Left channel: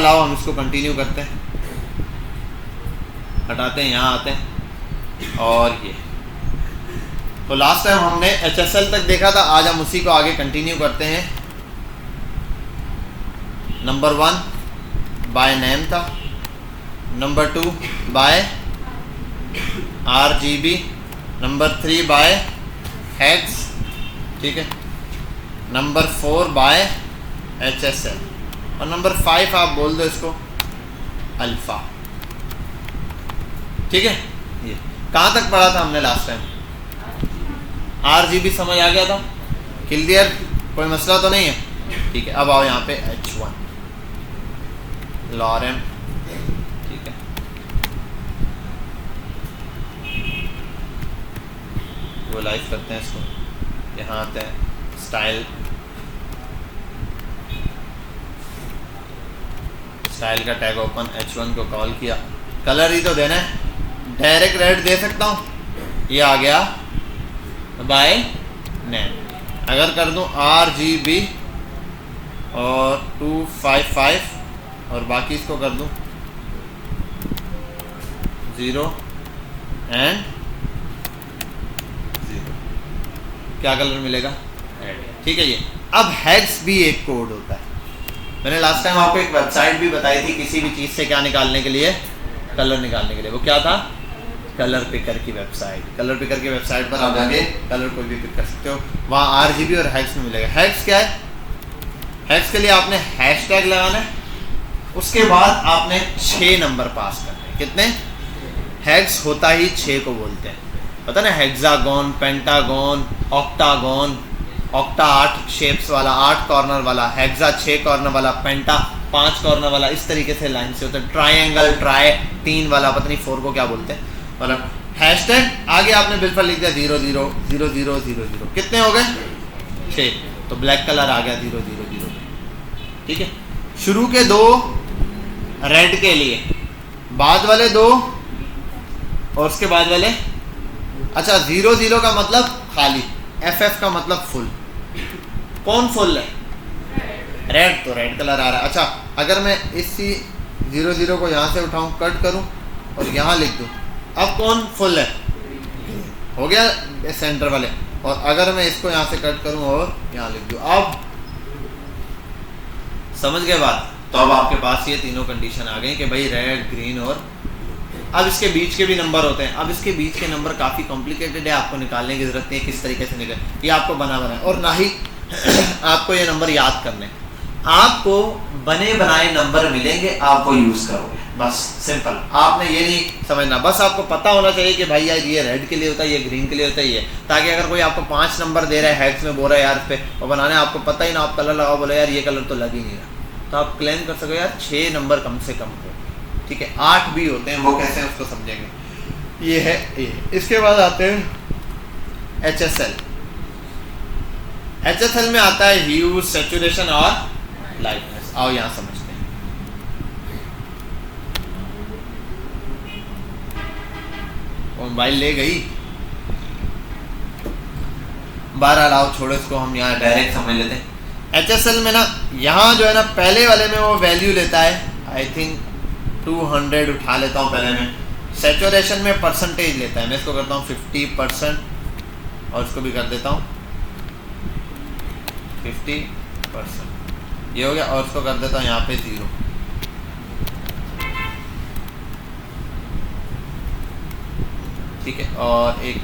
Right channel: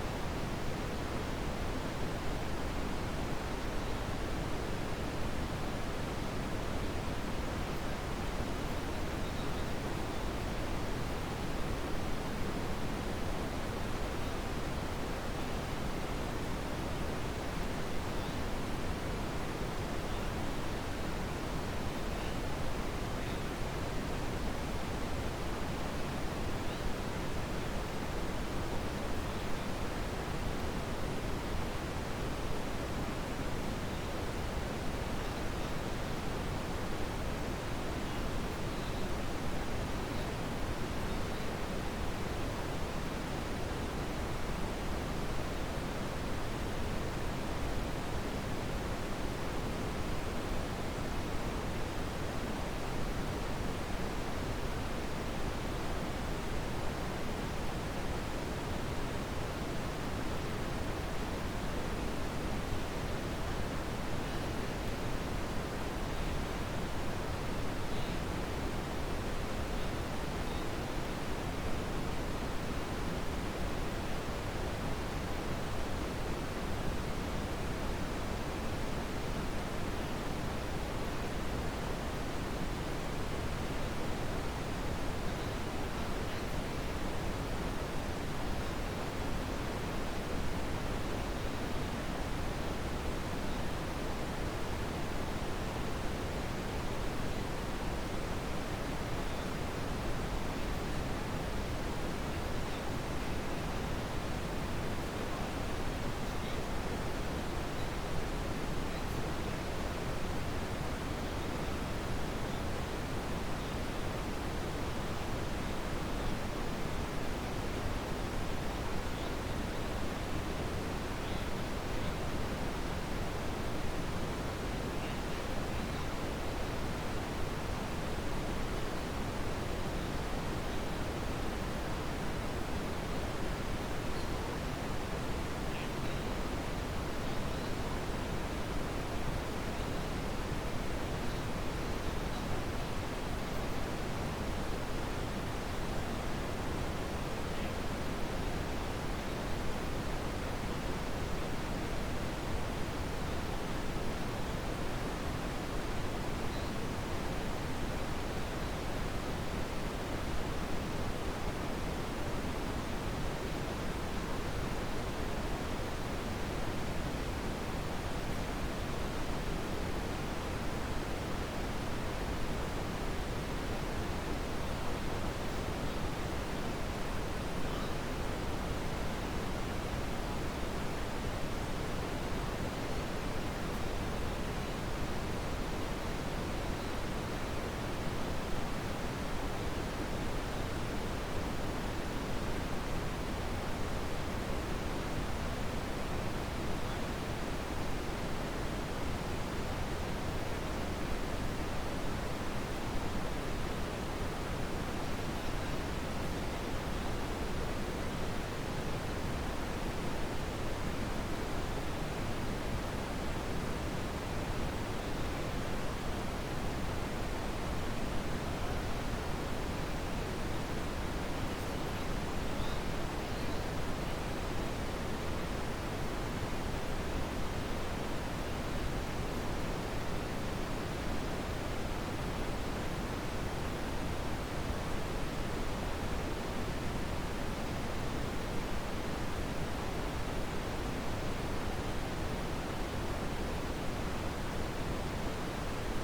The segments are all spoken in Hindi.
लाओ हम इसको कंटिन्यू करते हैं, हटाते हैं, यहाँ आते हैं। और ये तो लास्ट टाइम हमने HSL तक देखा था, आज हम उसी को आगे कंटिन्यू करते हैं। नंबर 1 बाय नेम था, number 2 by RGB, number 3 by hex, ठीक है, नंबर 4 बाय HSL, और नंबर 5 आप बोल दो इसको अल्फ़ा, ठीक है। ये कहाँ तक पढ़ा था हमने लास्ट टाइम? RGB समझ आ गया था, क्लियर, कोई मसला तो नहीं है, ठीक है। अब आओ यहाँ पे H1 लॉरेम, ठीक है, वो लाइव करते हैं इसको, यहाँ आते हैं स्टाइल, स्टाइल का टैग ओपन, H1 को कॉल किया, कलर ही तो देना है, डायरेक्ट रेड दे सकता हूँ, ये आ गया बाय नेम। अगर कर दूँ RGB और 255 और बाकी इसको कर दूँ 0 एंड 0, क्या कलर मिलेगा? ठीक है। ये अब हेक्स भी एक कोड होता है। मैंने लास्ट टाइम आपको एक वेबसाइट भी बताई थी किसी भी चीज़ से क्या निकालने के लिए, कलर निकालने के लिए। वो क्या था? कलर पिकर की वेबसाइट। कलर पिकर की वेबसाइट पर आप जाके कलर कोई भी पिक कर सकते हो, वहाँ RGB और हेक्स में मिलेगा। हेक्स क्या है? हेक्स के लिए आपने हैशटैग लगाना है, उसके बाद आपने 6 नंबर पास करने हैं। कितने? हेक्स होता ही 6 को बोलते हैं, पता ना, hexagon, pentagon, octagon, octa 8 shapes वाला, 8 कॉर्नर वाला, हेक्सा 6 कॉर्नर वाला, पेंटा 5 कॉर्नर वाला, इस तरीके से लाइन से होता है। ट्रायंगल, ट्राई 3 वाला, पता नहीं 4 को क्या बोलते हैं। मतलब हैशटैग आगे आपने बिल्कुल लिख दिया 000000, कितने हो गए? 6, तो ब्लैक कलर आ गया 000, ठीक है। शुरू के 2 रेड के लिए, बाद वाले 2 और उसके बाद वाले, अच्छा 00 का मतलब खाली, FF का मतलब फुल। कौन फुल है? रेड, तो रेड कलर आ रहा है। अच्छा अगर मैं इसी 00 को यहाँ से उठाऊँ, कट करूँ और यहाँ लिख दूँ, अब कौन फुल है? हो गया सेंटर वाले। और अगर मैं इसको यहाँ से कट करूँ और यहाँ लिख दूँ, अब समझ गए बात? तो अब आपके पास ये तीनों कंडीशन आ गई कि भाई रेड, ग्रीन और अब इसके बीच के भी नंबर होते हैं। अब इसके बीच के नंबर काफ़ी कॉम्प्लिकेटेड है, आपको निकालने की ज़रूरत नहीं है किस तरीके से निकले, ये आपको बना है, और ना ही आपको ये नंबर याद करने। आपको बने बनाए नंबर मिलेंगे, आपको यूज़ करोगे, बस सिंपल। आपने ये नहीं समझना, बस आपको पता होना चाहिए कि भाई यार ये रेड के लिए होता है, ये ग्रीन के लिए होता है, ये, ताकि अगर कोई आपको 5 नंबर दे रहा है हेक्स में, बोल रहा है यार पे और बनाने, आपको पता ही ना, आप कलर लगाओ, बोले यार ये कलर तो लग ही नहीं रहा, तो आप क्लेम कर सको यार 6 नंबर कम से कम हो, ठीक है। 8 भी होते हैं, वो कैसे हैं उसको समझेंगे। ये है ए। इसके बाद आते हैं HSL। HSL में आता है ह्यू, सैचुरेशन और लाइटनेस। आओ यहाँ समझते हैं। मोबाइल ले गई, बारह लाओ, छोड़ो इसको, हम यहाँ डायरेक्ट समझ लेते हैं। HSL में ना, यहाँ जो है ना, पहले वाले में वो वैल्यू लेता है, आई थिंक 200 उठा लेता हूँ पहले में। सैचुरेशन में परसेंटेज लेता है, मैं इसको करता हूँ 50% और इसको भी कर देता हूँ 50%, ये हो गया। और इसको कर देता हूँ यहाँ पे 0, ठीक है। और एक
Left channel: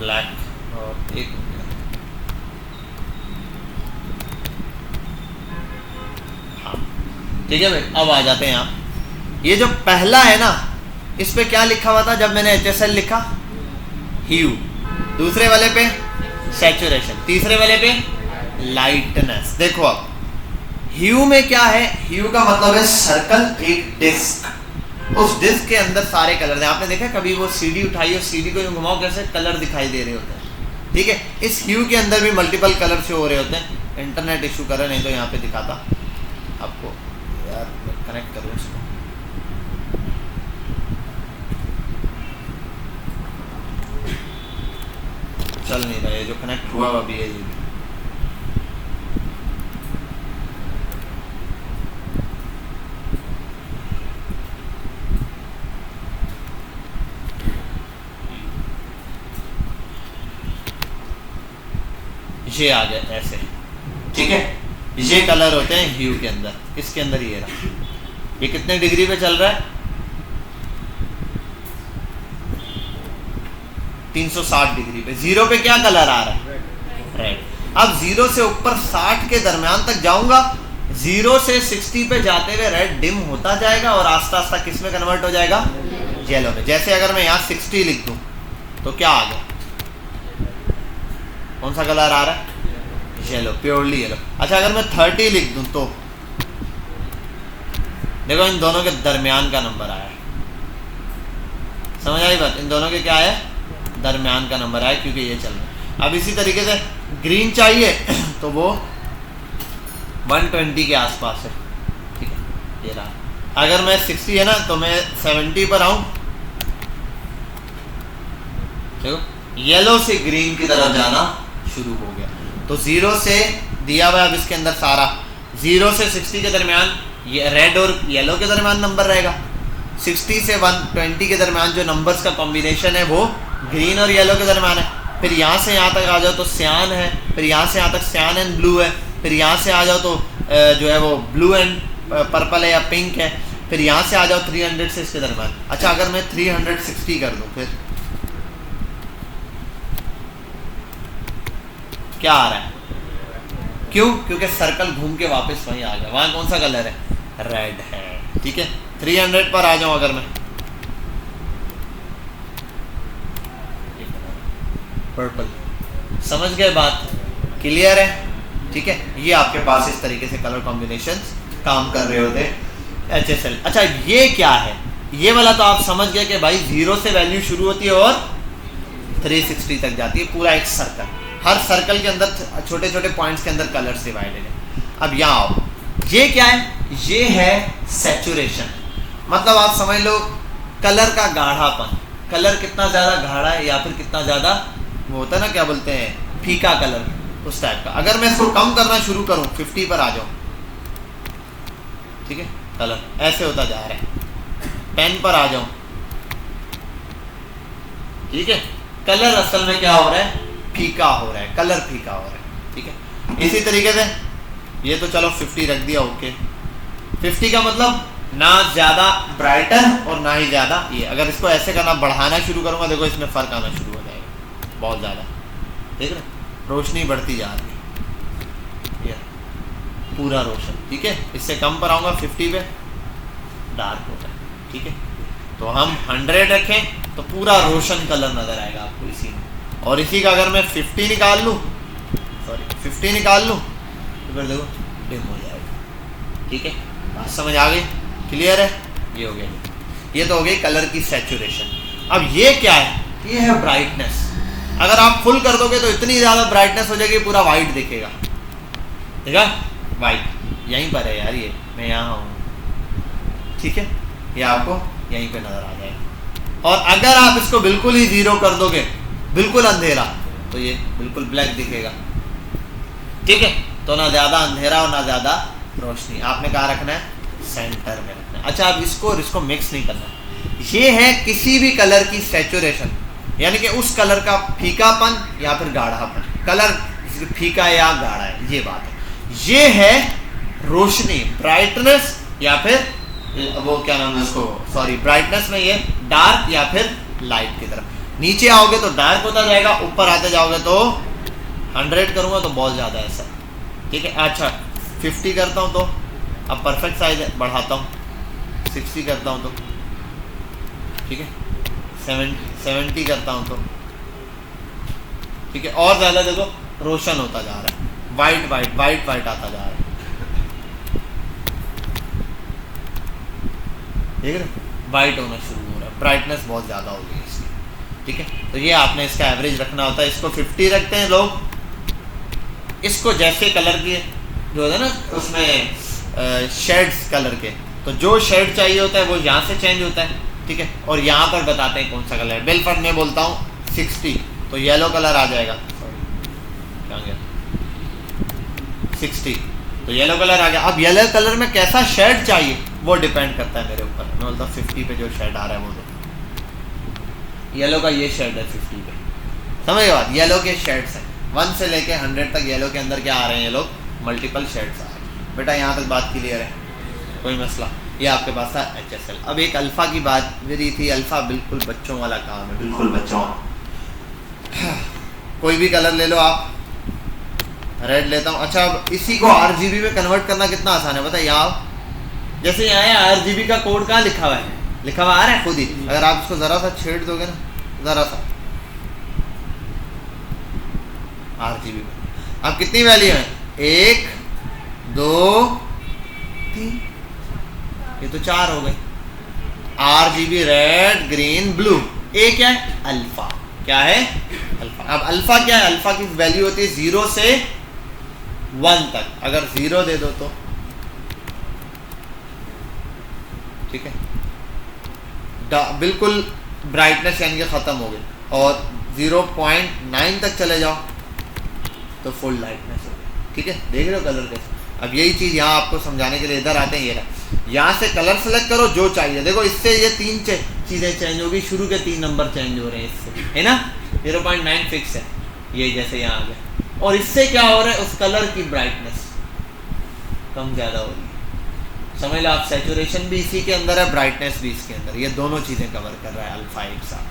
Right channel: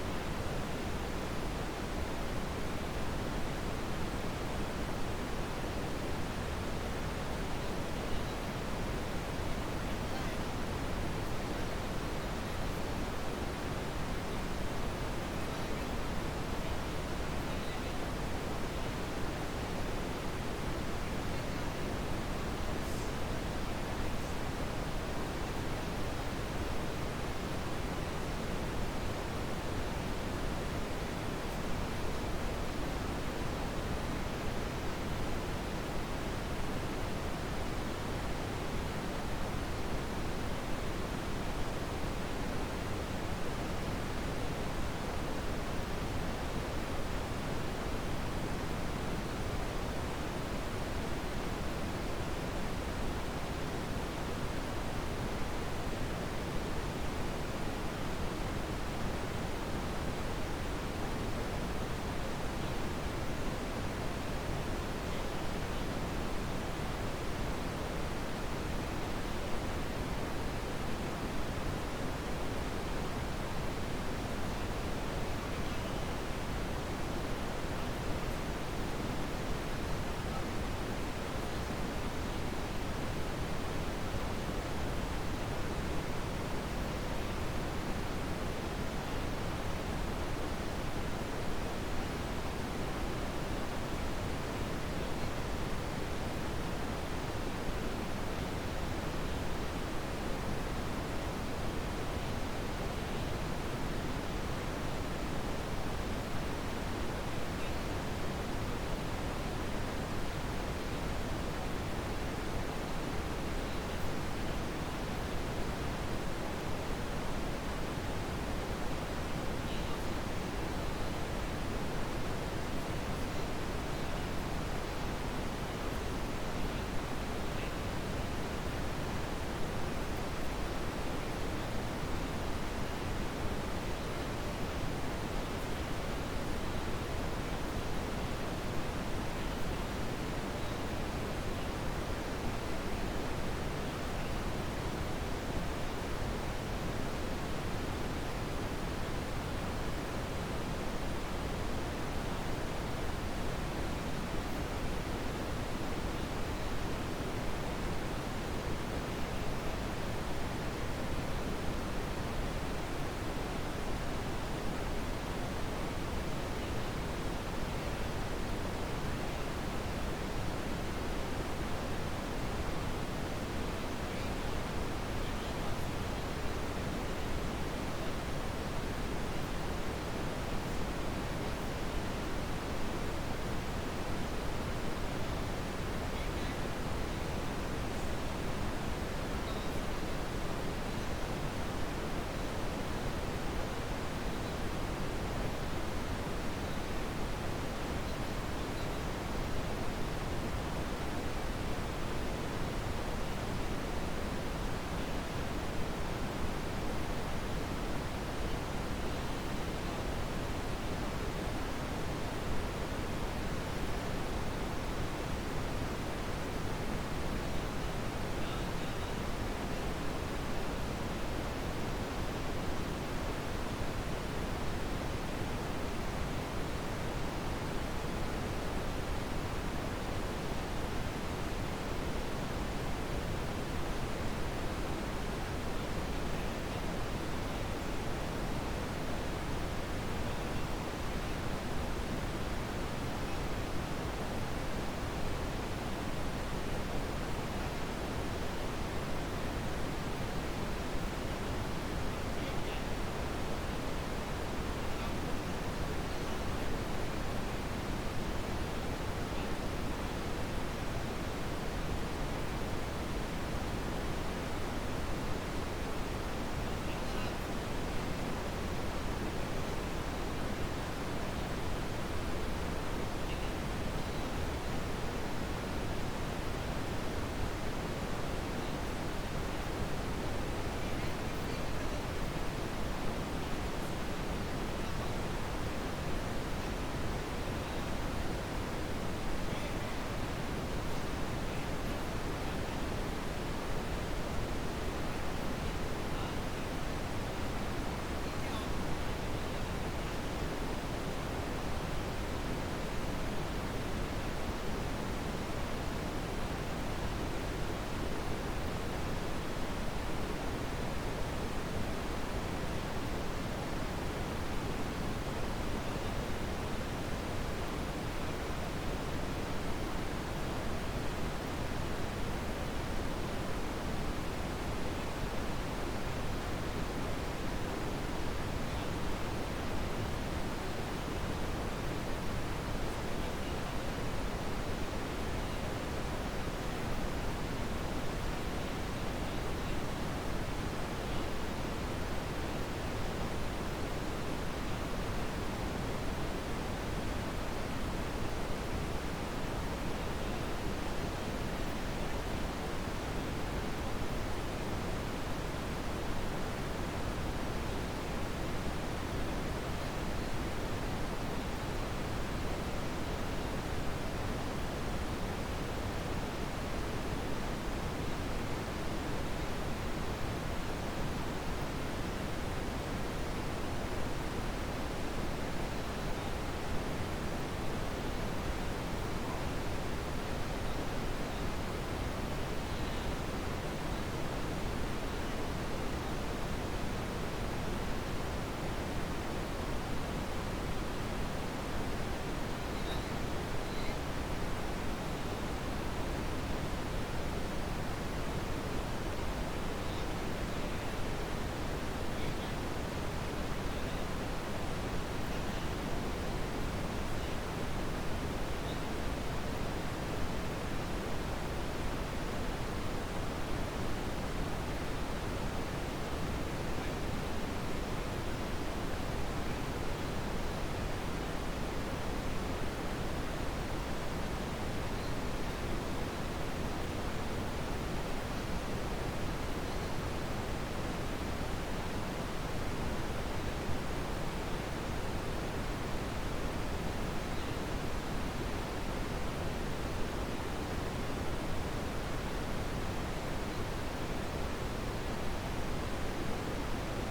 ब्लैक और एक ठीक है भाई। अब आ जाते हैं यहाँ, ये जो पहला है ना, इस पे क्या लिखा हुआ था जब मैंने HSL लिखा? ह्यू। दूसरे वाले पे सैचुरेशन, तीसरे वाले पे लाइटनेस। देखो अब ह्यू में क्या है? ह्यू का मतलब है सर्कल, एक डिस्क, उस डिस्क के अंदर सारे कलर हैं। आपने देखा कभी वो CD उठाई और CD को घुमाओ, कैसे कलर दिखाई दे रहे होते हैं, ठीक है। इस ह्यू के अंदर भी मल्टीपल कलर शो हो रहे होते हैं। इंटरनेट इशू कर रहे, नहीं तो यहाँ पे दिखाता आपको, यार कनेक्ट करो इसको। चल नहीं रहा है, जो कनेक्ट हुआ अभी है ये। ये आ गया ऐसे, ठीक है। ये कलर होते हैं ह्यू के अंदर, इसके अंदर ये रहा। ये कितने डिग्री पे चल रहा है? 360 डिग्री पे। 0 पे क्या कलर आ रहा है? रेड। अब 0 से ऊपर 60 के दरमियान तक जाऊंगा, 0 से 60 पे जाते हुए रेड डिम होता जाएगा और आस्ता आस्ता किस में कन्वर्ट हो जाएगा? येलो में। जैसे अगर मैं यहाँ 60 लिख दूं तो क्या आ गया? कौन सा कलर आ रहा है? Yellow, purely yellow. अच्छा अगर मैं 30 लिख दूं तो देखो इन दोनों के दरमियान का नंबर आया है। समझ आई बात? इन दोनों के क्या है? दरमियान का नंबर आया, क्योंकि ये चल रहा है। अब इसी तरीके से ग्रीन चाहिए तो वो 120 के आसपास है, ठीक है, ये रहा। अगर मैं 60 है ना तो मैं 70 पर आऊं, देखो येलो से ग्रीन की तरफ जाना शुरू हो गया। तो 0 से दिया हुआ अब इसके अंदर सारा 0 से 60 के दरमियान ये रेड और येलो के दरमियान नंबर रहेगा। 60 से 120 के दरमियान जो नंबर्स का कॉम्बिनेशन है वो ग्रीन और येलो के दरमियान है। फिर यहाँ से यहाँ तक आ जाओ तो सियान है, फिर यहाँ से यहाँ तक सियान एंड ब्लू है, फिर यहाँ से आ जाओ तो जो है वो ब्लू एंड पर्पल है या पिंक है, फिर यहाँ से आ जाओ 300 से इसके दरमियान। अच्छा अगर मैं 360 कर दूँ फिर क्या आ रहा है? क्यों? क्योंकि सर्कल घूम के वापस वहीं आ गया। वहां कौन सा कलर है? रेड है, ठीक है। 300 पर आ जाऊं अगर मैं, पर्पल। समझ गए बात? क्लियर है? ठीक है। ये आपके पास इस तरीके से कलर कॉम्बिनेशंस काम कर रहे होते हैं HSL। अच्छा ये क्या है? ये वाला तो आप समझ गए कि भाई 0 से वैल्यू शुरू होती है और 360 तक जाती है, पूरा एक सर्कल। हर सर्कल के अंदर छोटे छोटे पॉइंट्स के अंदर कलर्स डिवाइडेड है। अब यहाँ आओ, ये क्या है? ये है सैचुरेशन। मतलब आप समझ लो कलर का गाढ़ापन, कलर कितना ज़्यादा गाढ़ा है या फिर कितना ज़्यादा वो होता है ना, क्या बोलते हैं, फीका कलर, उस टाइप का। अगर मैं इसको कम करना शुरू करूँ, 50 पर आ जाऊँ, ठीक है, कलर ऐसे होता जा रहा है। 10 पर आ जाऊँ, ठीक है, कलर असल में क्या हो रहा है? फीका हो रहा है, कलर फीका हो रहा है, ठीक है। इसी तरीके से ये तो चलो 50 रख दिया, ओके। 50 का मतलब ना ज़्यादा ब्राइटर और ना ही ज़्यादा ये। अगर इसको ऐसे करना, बढ़ाना शुरू करूँगा, देखो इसमें फ़र्क आना शुरू हो जाएगा बहुत ज़्यादा, देख रहे, रोशनी बढ़ती जा रही है, ये पूरा रोशन, ठीक है। इससे कम पर आऊँगा 50 पे, डार्क हो रहा है, ठीक है। तो हम 100 रखें तो पूरा रोशन कलर नज़र आएगा आपको इसी में। और इसी का अगर मैं 50 निकाल लूँ, सॉरी 50 निकाल लूँ तो फिर देखो डिम हो जाएगा, ठीक है। बात समझ आ गई? क्लियर है? ये हो गया, ये तो हो गई कलर की सैचुरेशन। अब ये क्या है? ये है ब्राइटनेस। अगर आप फुल कर दोगे तो इतनी ज़्यादा ब्राइटनेस हो जाएगी, पूरा वाइट दिखेगा, ठीक है, वाइट। यहीं पर है यार, ये मैं यहाँ हूँ, ठीक है, ये आपको यहीं पे नज़र आ जाएगा। और अगर आप इसको बिल्कुल ही 0 कर दोगे, बिल्कुल अंधेरा, तो ये बिल्कुल ब्लैक दिखेगा, ठीक है। तो ना ज़्यादा अंधेरा और ना ज़्यादा रोशनी। आपने कहाँ रखना है? सेंटर में रखना है। अच्छा अब इसको मिक्स नहीं करना। ये है किसी भी कलर की सैचुरेशन, यानी कि उस कलर का फीकापन या फिर गाढ़ापन। कलर फीका या गाढ़ा है, ये बात है। ये है रोशनी, ब्राइटनेस, या फिर वो क्या नाम है उसको, सॉरी, ब्राइटनेस में ये डार्क या फिर लाइट की तरफ। नीचे आओगे तो डार्क होता जाएगा, ऊपर आते जाओगे तो 100 करूँगा तो बहुत ज़्यादा है सर, ठीक है। अच्छा 50 करता हूँ तो अब परफेक्ट साइज बढ़ाता हूँ, 60 करता हूँ तो, ठीक है, 70 करता हूँ तो, ठीक है। और ज़्यादा देखो रोशन होता जा रहा है, वाइट वाइट वाइट वाइट आता जा रहा है, ठीक है, वाइट होना शुरू हो रहा है, ब्राइटनेस बहुत ज़्यादा हो गई है इसकी, ठीक है। तो ये आपने इसका एवरेज रखना होता है। इसको 50 रखते हैं लोग, इसको जैसे कलर के जो होता है ना उसमें शेड्स कलर के, तो जो शेड चाहिए होता है वो यहाँ से चेंज होता है, ठीक है। और यहाँ पर बताते हैं कौन सा कलर है। बिल्कुल मैं बोलता हूँ 60, तो येलो कलर आ जाएगा, 60, तो येलो कलर आ गया। अब येलो कलर में कैसा शेड चाहिए वो डिपेंड करता है मेरे ऊपर। मैं बोलता हूँ 50 पे जो शेड आ रहा है वो दो, येलो का ये शेड है 50 पे, समझ गए बात। येलो के शेड्स हैं 1 से लेके 100 तक, येलो के अंदर क्या आ रहे हैं ये लोग, मल्टीपल शेड्स आ रहे हैं। बेटा यहाँ तक बात क्लियर है, कोई मसला। ये आपके पास था HSL। अब एक अल्फ़ा की बात मेरी थी, अल्फ़ा बिल्कुल बच्चों वाला काम है, बिल्कुल बच्चों। कोई भी कलर ले लो आप, रेड लेता हूँ। अच्छा अब इसी को RGB में कन्वर्ट करना कितना आसान है, बताइए। यहाँ जैसे यहाँ है RGB का कोड कहाँ लिखा हुआ है, लिखा हुआ आ रहा है खुद ही। अगर आप इसको ज़रा सा छेड़ दोगे ना, ज़रा सा RGB, अब कितनी वैल्यू है, 1 2 3, ये तो 4 हो गए। RGB रेड ग्रीन ब्लू, ए क्या है, अल्फा। क्या है, अल्फा। अब अल्फा क्या है, अल्फा की वैल्यू होती है 0 से 1 तक। अगर 0 दे दो तो ठीक है, बिल्कुल ब्राइटनेस यानी कि ख़त्म हो गई, और 0.9 तक चले जाओ तो फुल लाइटनेस हो, ठीक है। देख रहे हो कलर कैसे। अब यही चीज़ यहाँ आपको समझाने के लिए इधर आते हैं, ये रहा। यहाँ से कलर सेलेक्ट करो जो चाहिए। देखो इससे ये 3 चीज़ें चेंज होगी, शुरू के 3 नंबर चेंज हो रहे हैं इससे, है ना। 0.9 फिक्स है, ये जैसे यहाँ आ गया। और इससे क्या हो रहा है, उस कलर की ब्राइटनेस कम ज़्यादा हो रही है। समझ लो आप, सैचुरेशन भी इसी के अंदर है, ब्राइटनेस भी इसके अंदर, ये दोनों चीज़ें कवर कर रहा है अल्फा एक साथ,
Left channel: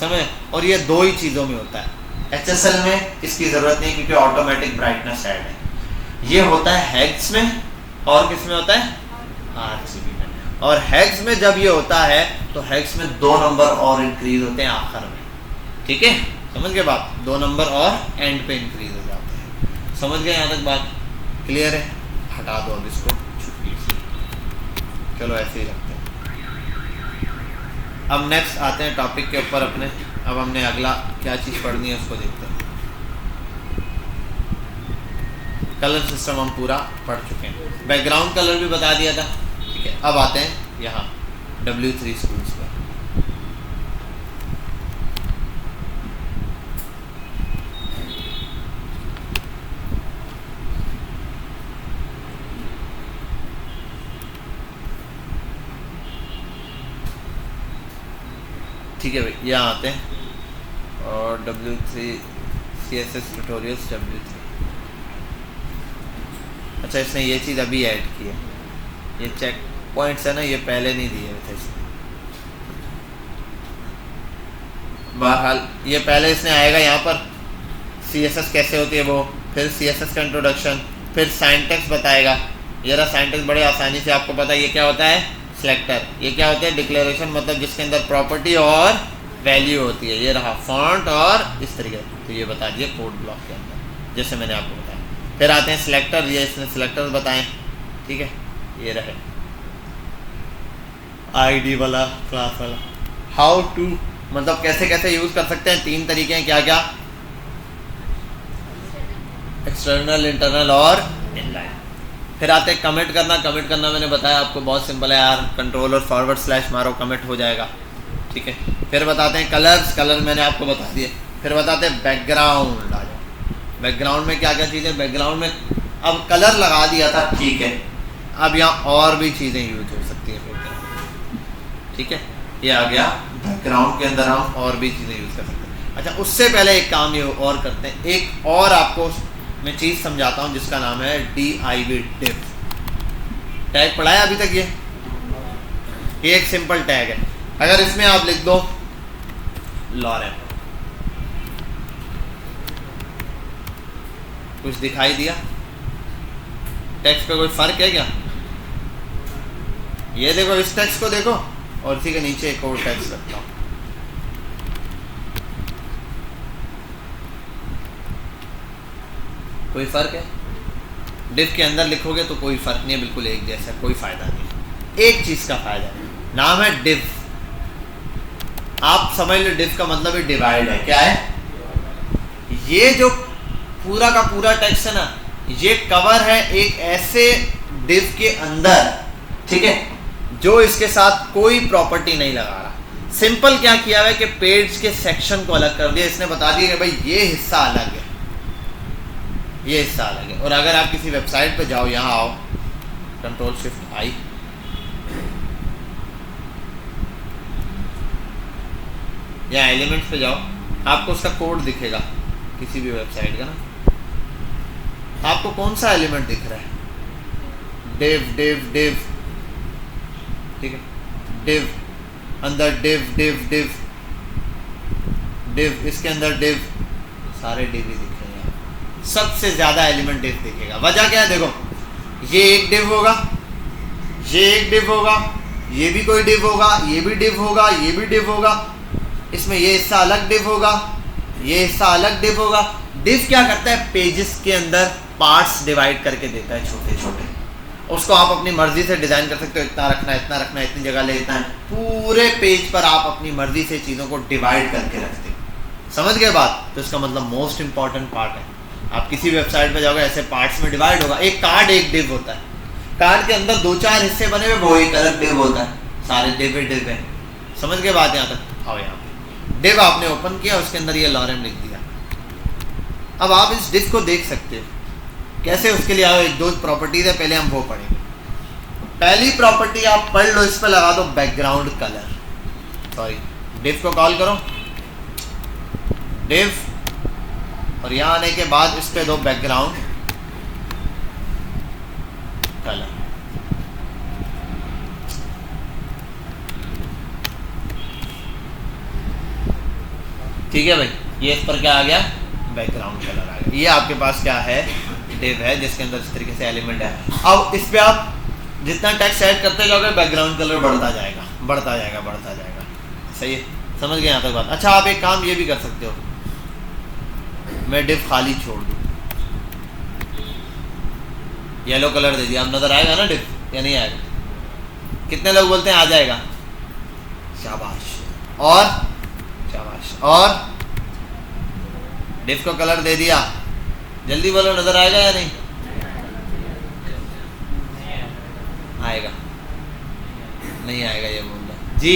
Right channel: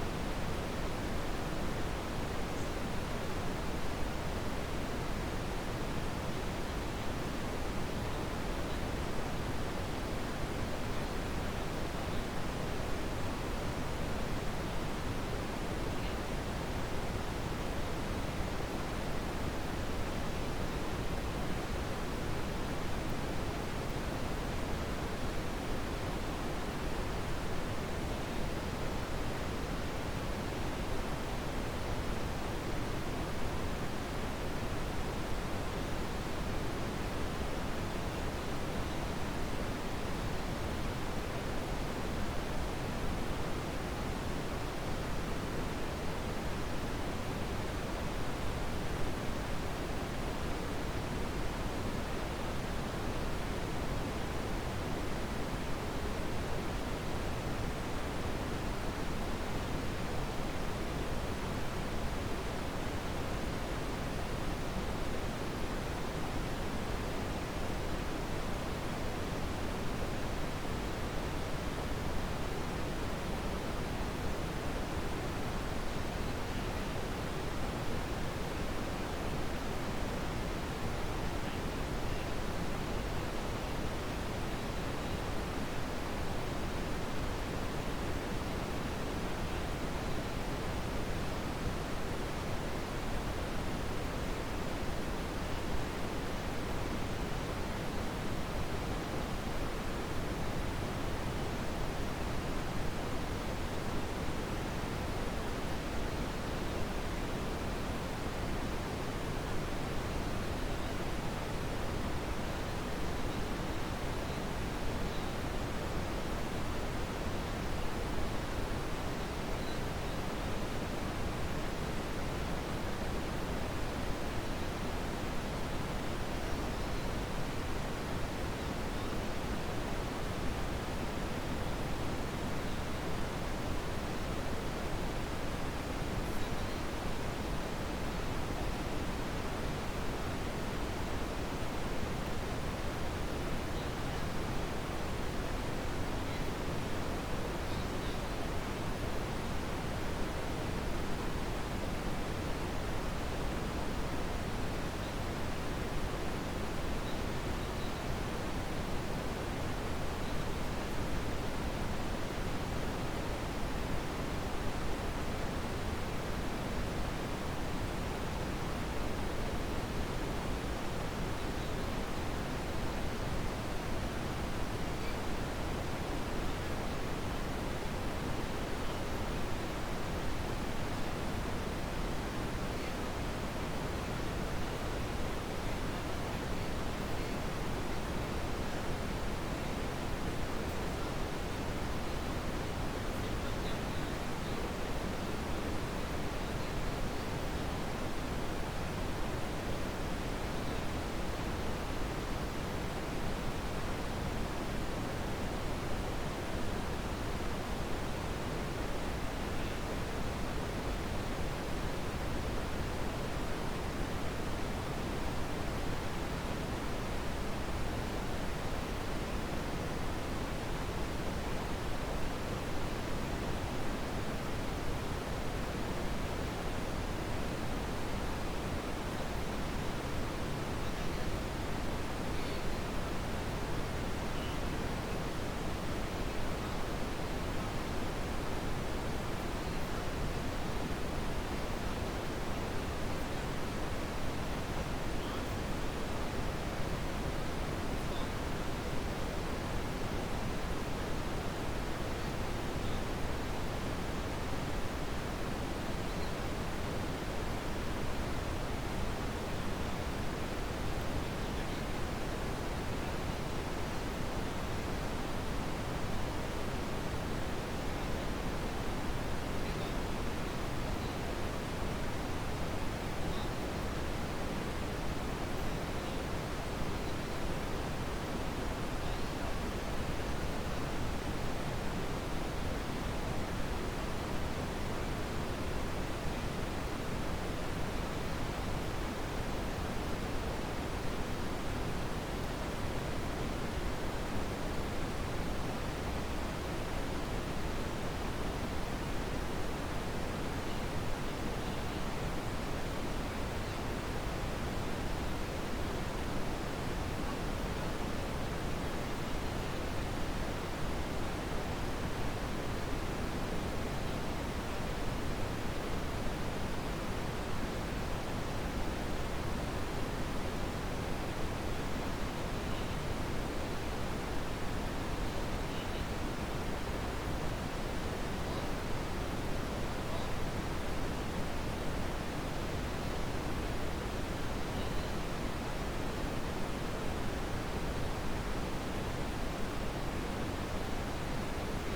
समझ। और ये 2 ही चीज़ों में होता है। HSL में इसकी ज़रूरत नहीं क्योंकि ऑटोमेटिक ब्राइटनेस ऐड है। ये होता है हेक्स में, और किस में होता है, RGB में। और हेक्स में जब ये होता है तो हेक्स में 2 नंबर और इंक्रीज होते हैं आखिर में, ठीक है। समझ गए बात, 2 नंबर और एंड पे इंक्रीज हो जाते हैं। समझ गए यहाँ तक बात क्लियर है। हटा दो अब इसको, चलो ऐसे ही रखते हैं। अब नेक्स्ट आते हैं टॉपिक के ऊपर अपने। अब हमने अगला क्या चीज़ पढ़नी है उसको देखते हैं। कलर सिस्टम हम पूरा पढ़ चुके हैं, बैकग्राउंड कलर भी बता दिया था, ठीक है। अब आते हैं यहाँ W3 स्कूल्स में। ठीक है भाई, यहाँ आते हैं और W3 CSS ट्यूटोरियल्स W3। अच्छा इसने ये चीज़ अभी ऐड की है, ये चेक पॉइंट्स है ना, ये पहले नहीं दिए थे इसको। बहरहाल ये पहले इसने आएगा यहाँ पर CSS कैसे होती है वो, फिर CSS का इंट्रोडक्शन, फिर सिंटैक्स बताएगा। ये रहा सिंटैक्स, बड़े आसानी से आपको पता है ये क्या होता है, सिलेक्टर। ये क्या होता है, डिक्लेरेशन, मतलब जिसके अंदर प्रॉपर्टी और वैल्यू होती है। ये रहा फॉन्ट और इस तरीके से, तो ये बता दिए कोड ब्लॉक के अंदर जैसे मैंने आपको बताया। फिर आते हैं सिलेक्टर, ये इसने सिलेक्टर बताएं, ठीक है। ये रहे ID वाला, क्लास वाला, हाउ टू, मतलब कैसे कैसे यूज़ कर सकते हैं। 3 तरीके हैं, क्या क्या, एक्सटर्नल, इंटरनल और इनलाइन। फिर आते हैं कमेंट करना। कमेंट करना मैंने बताया आपको बहुत सिंपल है यार, कंट्रोल और फॉरवर्ड स्लैश मारो, कमेंट हो जाएगा, ठीक है। फिर बताते हैं कलर्स, कलर मैंने आपको बता दिए। फिर बताते हैं बैकग्राउंड। बैकग्राउंड में क्या क्या चीज़ें, बैकग्राउंड में अब कलर लगा दिया था, ठीक है। अब यहाँ और भी चीज़ें यूज हो सकती हैं, ठीक है। ये आ गया बैकग्राउंड के अंदर, हम और भी चीज़ें यूज़ कर सकते हैं। अच्छा उससे पहले एक काम ये और करते हैं, एक और आपको मैं चीज़ समझाता हूँ जिसका नाम है div div। टैग पढ़ा है अभी तक ये एक सिंपल टैग है। अगर इसमें आप लिख दो लॉरेन, कुछ दिखाई दिया टेक्स्ट पे, कोई फर्क है क्या? ये देखो, इस टेक्स्ट को देखो और इसी के नीचे एक और टेक्स्ट रखता हूँ। कोई फर्क है? डिव के अंदर लिखोगे तो कोई फर्क नहीं है, बिल्कुल एक जैसा, कोई फायदा नहीं। एक चीज का फायदा है, नाम है डिव। आप समझ लो डिव का मतलब है डिवाइड है। क्या है? ये जो पूरा का पूरा टेक्स्ट है ना, ये कवर है एक ऐसे डिव के अंदर, ठीक है, जो इसके साथ कोई प्रॉपर्टी नहीं लगा रहा, सिंपल क्या किया हुआ है कि पेज के सेक्शन को अलग कर दिया, इसने बता दिया कि भाई ये हिस्सा अलग है, ये हिस्सा अलग है। और अगर आप किसी वेबसाइट पे जाओ, यहाँ आओ, कंट्रोल शिफ्ट आई, यहाँ एलिमेंट्स पे जाओ, आपको उसका कोड दिखेगा किसी भी वेबसाइट का ना। आपको कौन सा एलिमेंट दिख रहा है? डिव डिव डिव, ठीक है, डिव अंदर डिव डिव डिव डिव, इसके अंदर डिव, सारे डिव ही दिखेंगे। सबसे ज्यादा एलिमेंट डिव दिखेगा। वजह क्या है? देखो, ये एक डिव होगा, ये एक डिव होगा, ये भी कोई डिव होगा, ये भी डिव होगा, ये भी डिव होगा, इसमें ये हिस्सा अलग डिव होगा, ये हिस्सा अलग डिव होगा। डिव क्या करता है? पेजेस के अंदर पार्ट्स डिवाइड करके देता है, छोटे छोटे। उसको आप अपनी मर्जी से डिज़ाइन कर सकते हो, इतना रखना है, इतना रखना है, इतनी जगह ले लेना है। पूरे पेज पर आप अपनी मर्जी से चीज़ों को डिवाइड करके रखते हो। समझ गए बात? तो इसका मतलब मोस्ट इंपॉर्टेंट पार्ट है। आप किसी वेबसाइट पर जाओगे, ऐसे पार्ट्स में डिवाइड होगा। एक कार्ड एक डिव होता है, कार्ड के अंदर 2-4 हिस्से बने हुए, वो एक अलग डिव होता है, सारे डिव डिव है। समझ गए बात? यहाँ तक आओ। यहाँ डिव आपने ओपन किया, उसके अंदर ये लॉरेम लिख दिया। अब आप इस डिव को देख सकते हो कैसे। उसके लिए आओ, 1-2 प्रॉपर्टीज है, पहले हम वो पढ़ें। पहली प्रॉपर्टी आप पढ़ लो, इस पर लगा दो बैकग्राउंड कलर। सॉरी, डिव को कॉल करो, डिव, और यहाँ आने के बाद इस पे दो बैकग्राउंड कलर। ठीक है भाई, ये इस पर क्या आ गया? बैकग्राउंड कलर आ गया। ये आपके पास क्या है? डिव है, जिसके अंदर इस तरीके से एलिमेंट है। अब इस पे आप जितना टेक्स्ट ऐड करते जाओगे, बैकग्राउंड कलर बढ़ता जाएगा, बढ़ता जाएगा, बढ़ता जाएगा। सही है? समझ गए यहाँ तक बात? अच्छा, आप एक काम ये भी कर सकते हो, मैं डिव खाली छोड़ दूँ, येलो कलर दे दिया, अब नजर आएगा ना डिव या नहीं आएगा? कितने लोग बोलते हैं आ जाएगा? शाबाश। और शाबाश। और डिव को कलर दे दिया, जल्दी बोलो, नजर आएगा या नहीं आएगा? नहीं आएगा ये बोलना जी।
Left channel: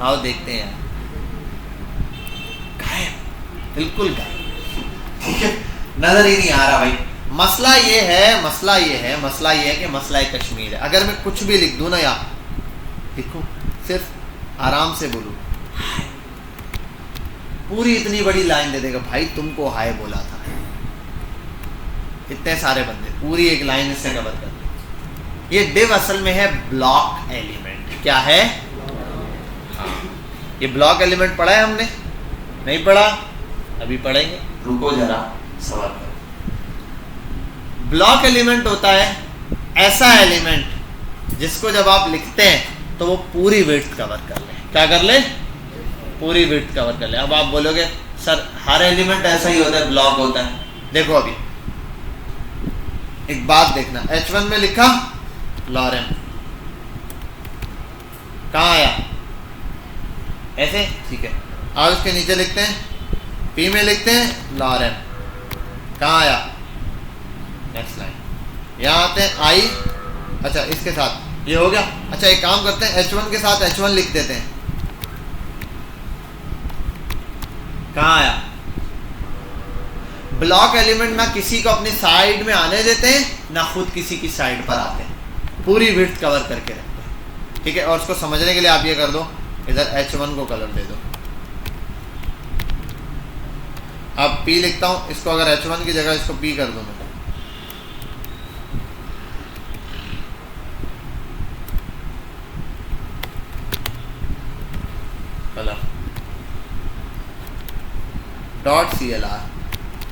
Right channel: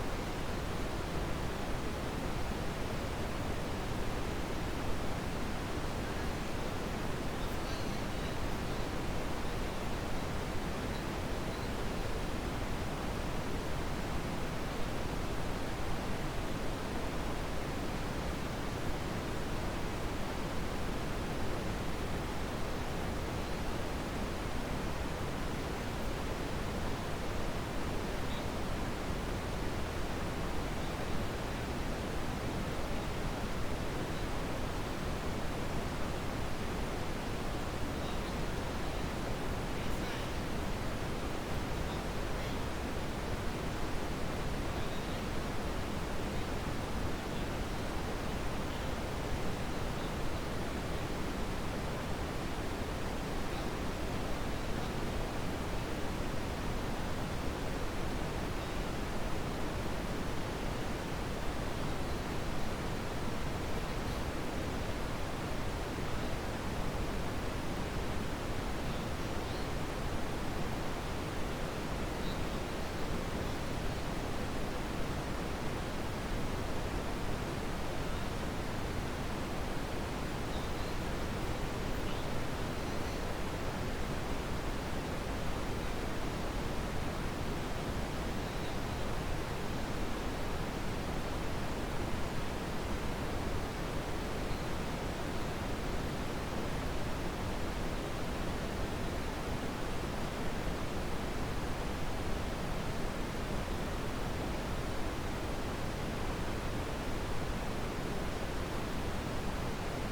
आओ देखते हैं। गायब, बिल्कुल गायब। ठीक है, नजर ही नहीं आ रहा भाई। मसला ये है, मसला ये है, मसला ये है कि मसला कश्मीर है। अगर मैं कुछ भी लिख दूं ना, यार लिखूं, सिर्फ आराम से बोलूं, पूरी इतनी बड़ी लाइन दे देगा, भाई तुमको हाय बोला था। इतने सारे बंदे पूरी एक लाइन इससे कवर कर। ये डिव असल में है ब्लॉक एलिमेंट। क्या है? ये ब्लॉक एलिमेंट पढ़ा है हमने? नहीं पढ़ा? अभी पढ़ेंगे, रुको जरा, सवाल करो। ब्लॉक एलिमेंट होता है ऐसा एलिमेंट जिसको जब आप लिखते हैं तो वो पूरी विड्थ कवर कर ले। क्या कर ले? पूरी विड्थ कवर कर ले। अब आप बोलोगे सर हर एलिमेंट ऐसा ही होता है, ब्लॉक होता है? देखो, अभी एक बात देखना, H1 में लिखा लॉरेम, कहाँ आया? ऐसे, ठीक है। और उसके नीचे लिखते हैं, P में लिखते हैं लॉरेम, कहाँ आया? Next line. यहाँ आते हैं I, अच्छा इसके साथ ये हो गया। अच्छा एक काम करते हैं, H1 के साथ H1 लिख देते हैं, कहाँ आया? ब्लॉक एलिमेंट ना किसी को अपनी साइड में आने देते हैं, ना खुद किसी की साइड पर आते हैं, पूरी विड्थ कवर करके रखते हैं। ठीक है, और उसको समझने के लिए आप ये कर दो, इधर H1 को कलर दे दो। अब P लिखता हूं, इसको अगर H1 की जगह इसको P कर दो, कलर .clr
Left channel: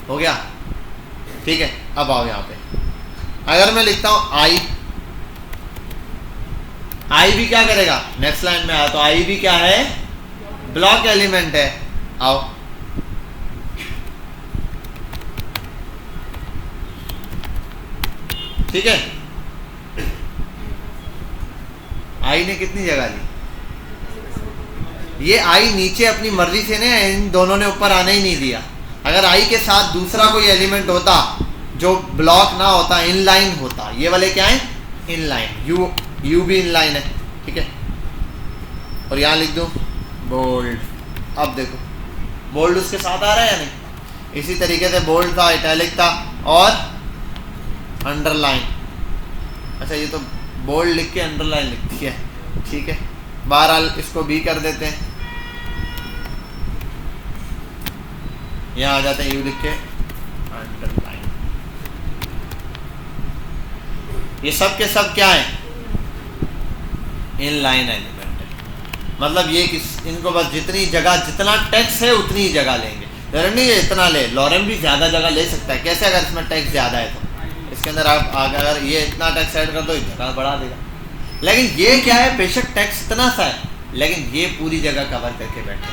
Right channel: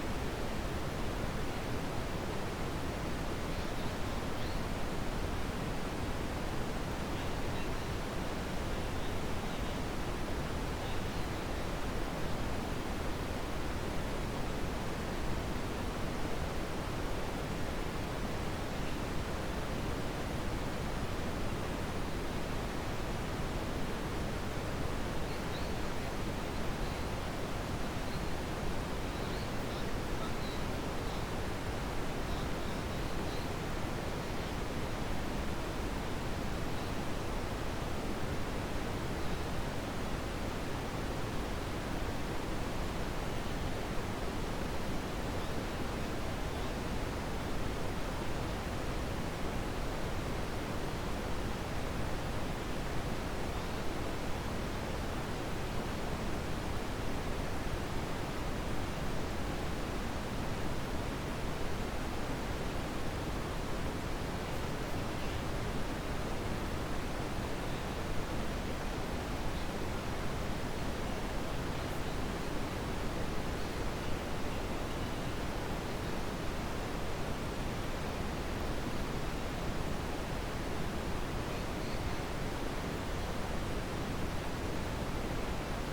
हो गया। ठीक है, अब आओ यहाँ पे, अगर मैं लिखता हूं I भी क्या करेगा? नेक्स्ट लाइन में आया तो I भी क्या है? ब्लॉक एलिमेंट है। आओ, ठीक है, I ने कितनी जगह ली? ये I नीचे अपनी मर्जी से ने, इन दोनों ने ऊपर आने ही नहीं दिया। अगर I के साथ दूसरा कोई एलिमेंट होता जो ब्लॉक ना होता, इनलाइन होता, ये वाले क्या है? इनलाइन। यू भी इनलाइन है, ठीक है। और यहाँ लिख दो बोल्ड। अब देखो बोल्ड उसके साथ आ रहा है या नहीं। इसी तरीके से बोल्ड था, इटैलिक था और अंडरलाइन। अच्छा ये तो बोल्ड लिख के अंडरलाइन लिख दिया, ठीक है। बहरहाल इसको भी कर देते हैं, यहाँ आ जाते हैं यू लिख के अंडरलाइन। ये सब के सब क्या है, इनलाइन एलिमेंट है। मतलब ये इनको बस जितनी जगह, जितना टेक्स्ट है उतनी ही जगह लेंगे। जरूरी नहीं ये इतना ले, लॉरेम भी ज़्यादा जगह ले सकता है। कैसे, अगर इसमें टेक्स्ट ज़्यादा है तो इसके अंदर आप अगर ये इतना टेक्स्ट ऐड कर दो जगह बढ़ा देगा। लेकिन ये क्या है, बेशक टेक्स्ट इतना सा है लेकिन ये पूरी जगह कवर करके बैठे।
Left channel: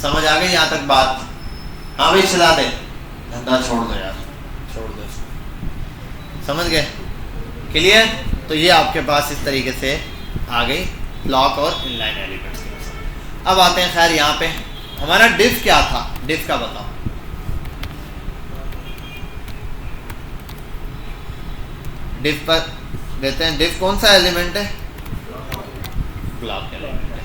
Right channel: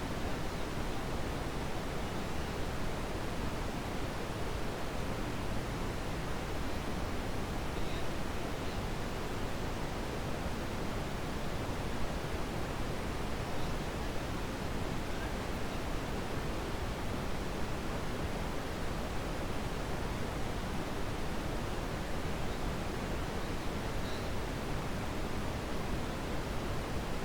समझ आ गई यहाँ तक बात? हाँ भाई चला दे, धंधा छोड़ दो यार, छोड़ दो, समझ गए? क्लियर? तो ये आपके पास इस तरीके से आ गई ब्लॉक और इनलाइन एलिमेंट्स। अब आते हैं खैर यहाँ पे हमारा डिफ क्या था, डिफ का बताओ। डिफ पर देते हैं, डिफ कौन सा एलिमेंट है, ब्लॉक एलिमेंट है,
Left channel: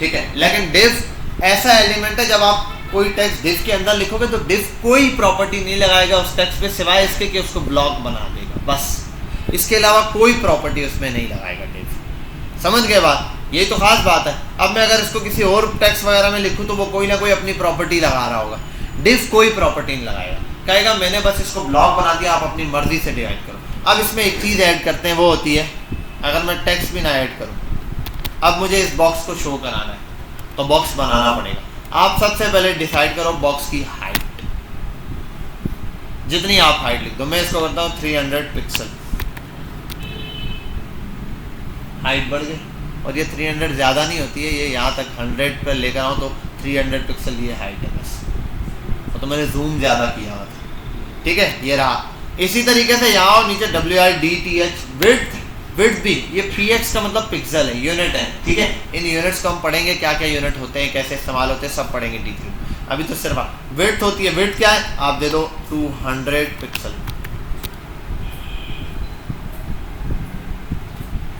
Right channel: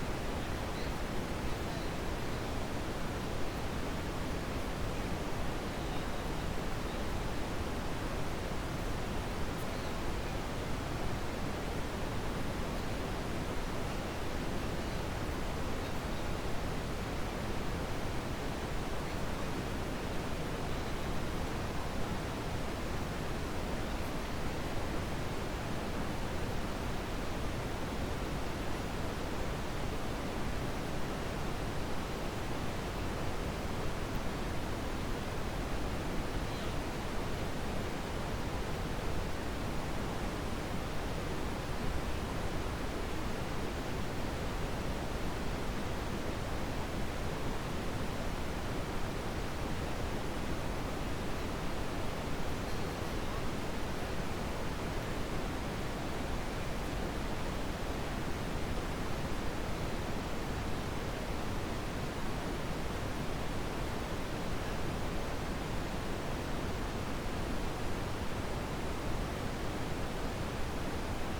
ठीक है। लेकिन डिफ ऐसा एलिमेंट है जब आप कोई टेक्स्ट डिफ के अंदर लिखोगे तो डिफ कोई प्रॉपर्टी नहीं लगाएगा उस टेक्स्ट पे सिवाय इसके कि उसको ब्लॉक बना देगा, बस। इसके अलावा कोई प्रॉपर्टी उसमें नहीं लगाएगा डिफ। समझ गए बात? यही तो खास बात है। अब मैं अगर इसको किसी और टेक्स्ट वगैरह में लिखूँ तो वो कोई ना कोई अपनी प्रॉपर्टी लगा रहा होगा। डिफ कोई प्रॉपर्टी नहीं लगाएगा, कहेगा मैंने बस इसको ब्लॉक बना दिया, आप अपनी मर्जी से डिवाइड करो। अब इसमें एक चीज़ ऐड करते हैं, वो होती है अगर मैं टेक्स्ट भी ना ऐड करूँ, अब मुझे इस बॉक्स को शो कराना है तो बॉक्स बनाना पड़ेगा। आप सबसे पहले डिसाइड करो बॉक्स की हाइट, जितनी आप हाइट लिख दो। मैं इसको करता हूँ 300 पिक्सल, हाइट बढ़ गई। और ये 300 ज़्यादा नहीं होती है, ये यहाँ तक 100 पर लेकर आऊँ तो 300 पिक्सल ये हाइट है बस। तो मैंने जूम ज़्यादा किया हुआ था, ठीक है, ये रहा। इसी तरीके से यहाँ और नीचे WIDTH विड्थ, विड्थ भी ये px का मतलब पिक्सल है, यूनिट है, ठीक है। इन यूनिट्स को हम पढ़ेंगे, क्या क्या यूनिट होते हैं, कैसे इस्तेमाल होते हैं, सब पढ़ेंगे डिटेल। अभी तो सिर्फ विड्थ होती है। विड्थ क्या है, आप दे दो 200 पिक्सल,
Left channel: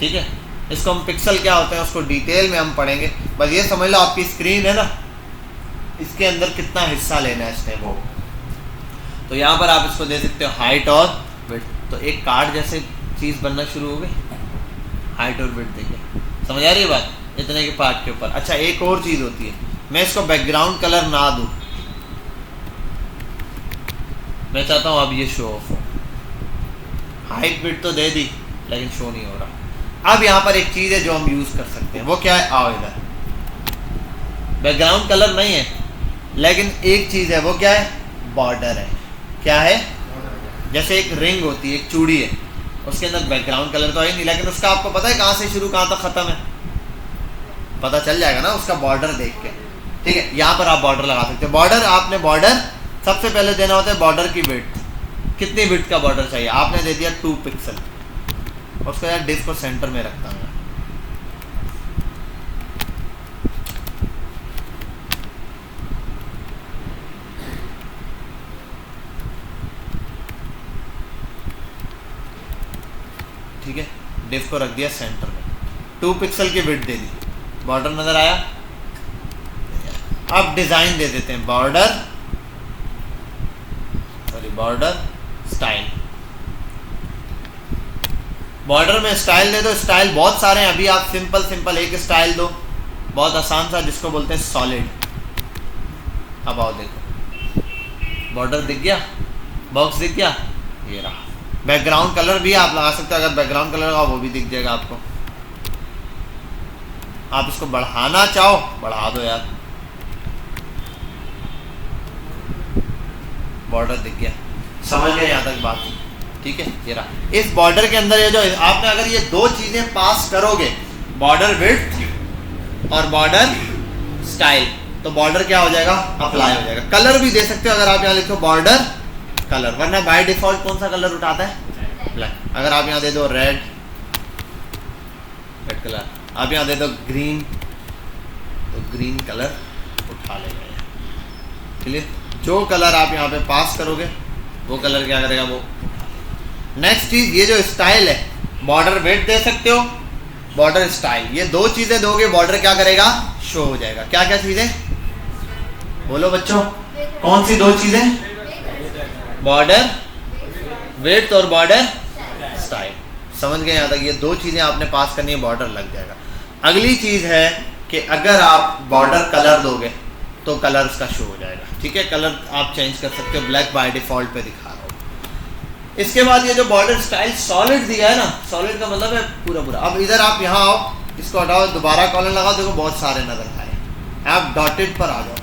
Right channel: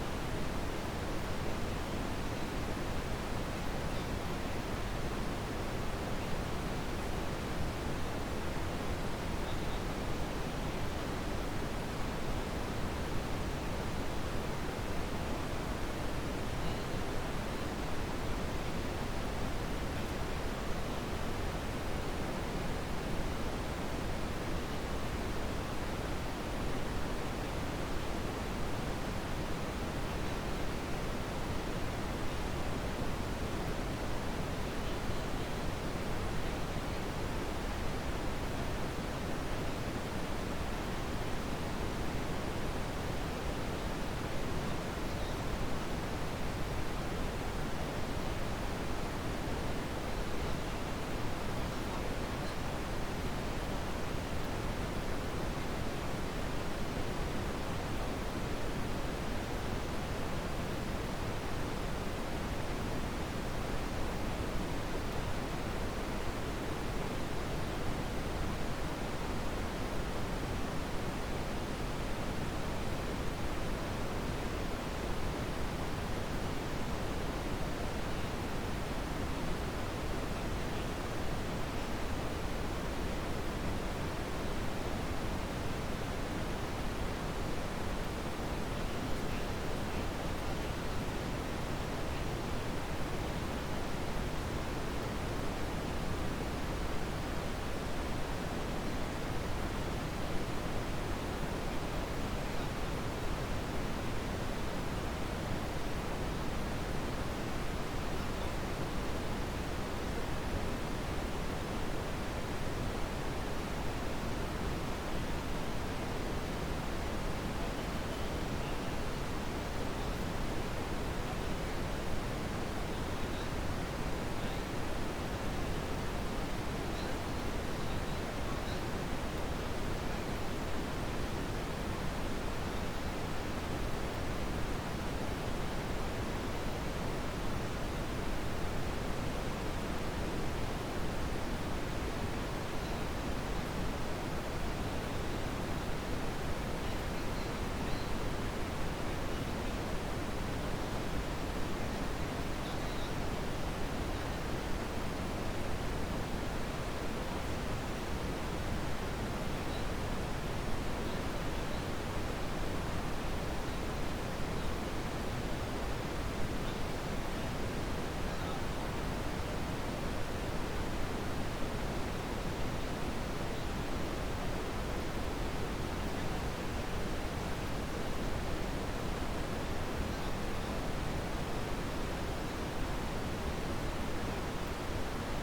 ठीक है। इसको हम पिक्सल क्या होते हैं उसको डिटेल में हम पढ़ेंगे। बस ये समझ लो आपकी स्क्रीन है ना, इसके अंदर कितना हिस्सा लेना है इसने वो। तो यहाँ पर आप इसको दे सकते हो हाइट और विड्थ। तो एक कार्ड जैसे चीज़ बनना शुरू हो गई, हाइट और विड्थ। देखिए समझ आ रही है बात, इतने के पार्ट के ऊपर। अच्छा एक और चीज़ होती है, मैं इसको बैकग्राउंड कलर ना दूँ, मैं चाहता हूँ अब ये शो ऑफ हो। हाइट विड्थ तो दे दी लेकिन शो नहीं हो रहा। अब यहाँ पर एक चीज़ है जो हम यूज़ कर सकते हैं, वो क्या है, आओ इधर। बैकग्राउंड कलर नहीं है लेकिन एक चीज़ है, वो क्या है, बॉर्डर है। क्या है, जैसे एक रिंग होती है, एक चूड़ी है, उसके अंदर बैकग्राउंड कलर तो है नहीं लेकिन उसका आपको पता है कहाँ से शुरू कहाँ तक ख़त्म है, पता चल जाएगा ना उसका बॉर्डर देख के, ठीक है। यहाँ पर आप बॉर्डर लगा सकते हो। बॉर्डर, आपने बॉर्डर सबसे पहले देना होता है बॉर्डर की विड्थ। कितनी विड्थ का बॉर्डर चाहिए, आपने दे दिया 2 पिक्सल। उसको यार डिस्क को सेंटर में रखता हूँ, ठीक है। डिस्क को रख दिया सेंटर में, 2 पिक्सल की विड्थ दे दी, बॉर्डर नजर आया। अब डिजाइन दे देते हैं, border, sorry border style. Border में स्टाइल दे दो। स्टाइल बहुत सारे हैं, अभी आप सिंपल सिंपल एक स्टाइल दो, बहुत आसान सा, जिसको बोलते हैं सॉलिड। अब आओ देखो, बॉर्डर दिख गया, बॉक्स दिख गया, ये रहा। बैकग्राउंड कलर भी आप लगा सकते हो, अगर बैकग्राउंड कलर का वो भी दिख जाएगा आपको। आप इसको बढ़ाना चाहो बढ़ा दो यार, बॉर्डर दिख गया। समझ गए यहाँ तक बात, ठीक है। ये रहा। इस बॉर्डर के अंदर ये जो आपने अगर ये दो चीजें पास करोगे, बॉर्डर विड्थ और बॉर्डर स्टाइल, तो बॉर्डर क्या हो जाएगा, अप्लाई हो जाएगा। कलर भी दे सकते हो, अगर आप यहाँ लिखो बॉर्डर कलर, वरना बाय डिफॉल्ट कौन सा कलर उठाता है, ब्लैक। अगर आप यहाँ दे दो रेड, रेड कलर, आप यहाँ दे दो ग्रीन, तो ग्रीन कलर उठा लेगा। क्लियर? जो कलर आप यहाँ पे पास करोगे वो कलर क्या करेगा वो। नेक्स्ट चीज, ये जो स्टाइल है, बॉर्डर विड्थ दे सकते हो बॉर्डर स्टाइल, ये दो चीजें दोगे बॉर्डर क्या करेगा, शो हो जाएगा। क्या क्या चीजें बोलो बच्चों, कौन सी दो चीजें, बॉर्डर विड्थ और बॉर्डर स्टाइल। समझ गए यहाँ तक, ये दो चीजें आपने पास करनी है, बॉर्डर लग जाएगा। अगली चीज है कि अगर आप बॉर्डर कलर दोगे तो कलर्स का शो हो जाएगा, ठीक है। कलर आप चेंज कर सकते हो, ब्लैक बाय डिफॉल्ट पे दिखा रहा हूँ। इसके बाद ये जो बॉर्डर स्टाइल सॉलिड दिया है ना, सॉलिड का मतलब है पूरा पूरा। अब इधर आप यहाँ आओ, इसको हटाओ, दोबारा कॉलम लगाओ, देखो बहुत सारे नजर आए। आप डॉटेड पर आ जाओ,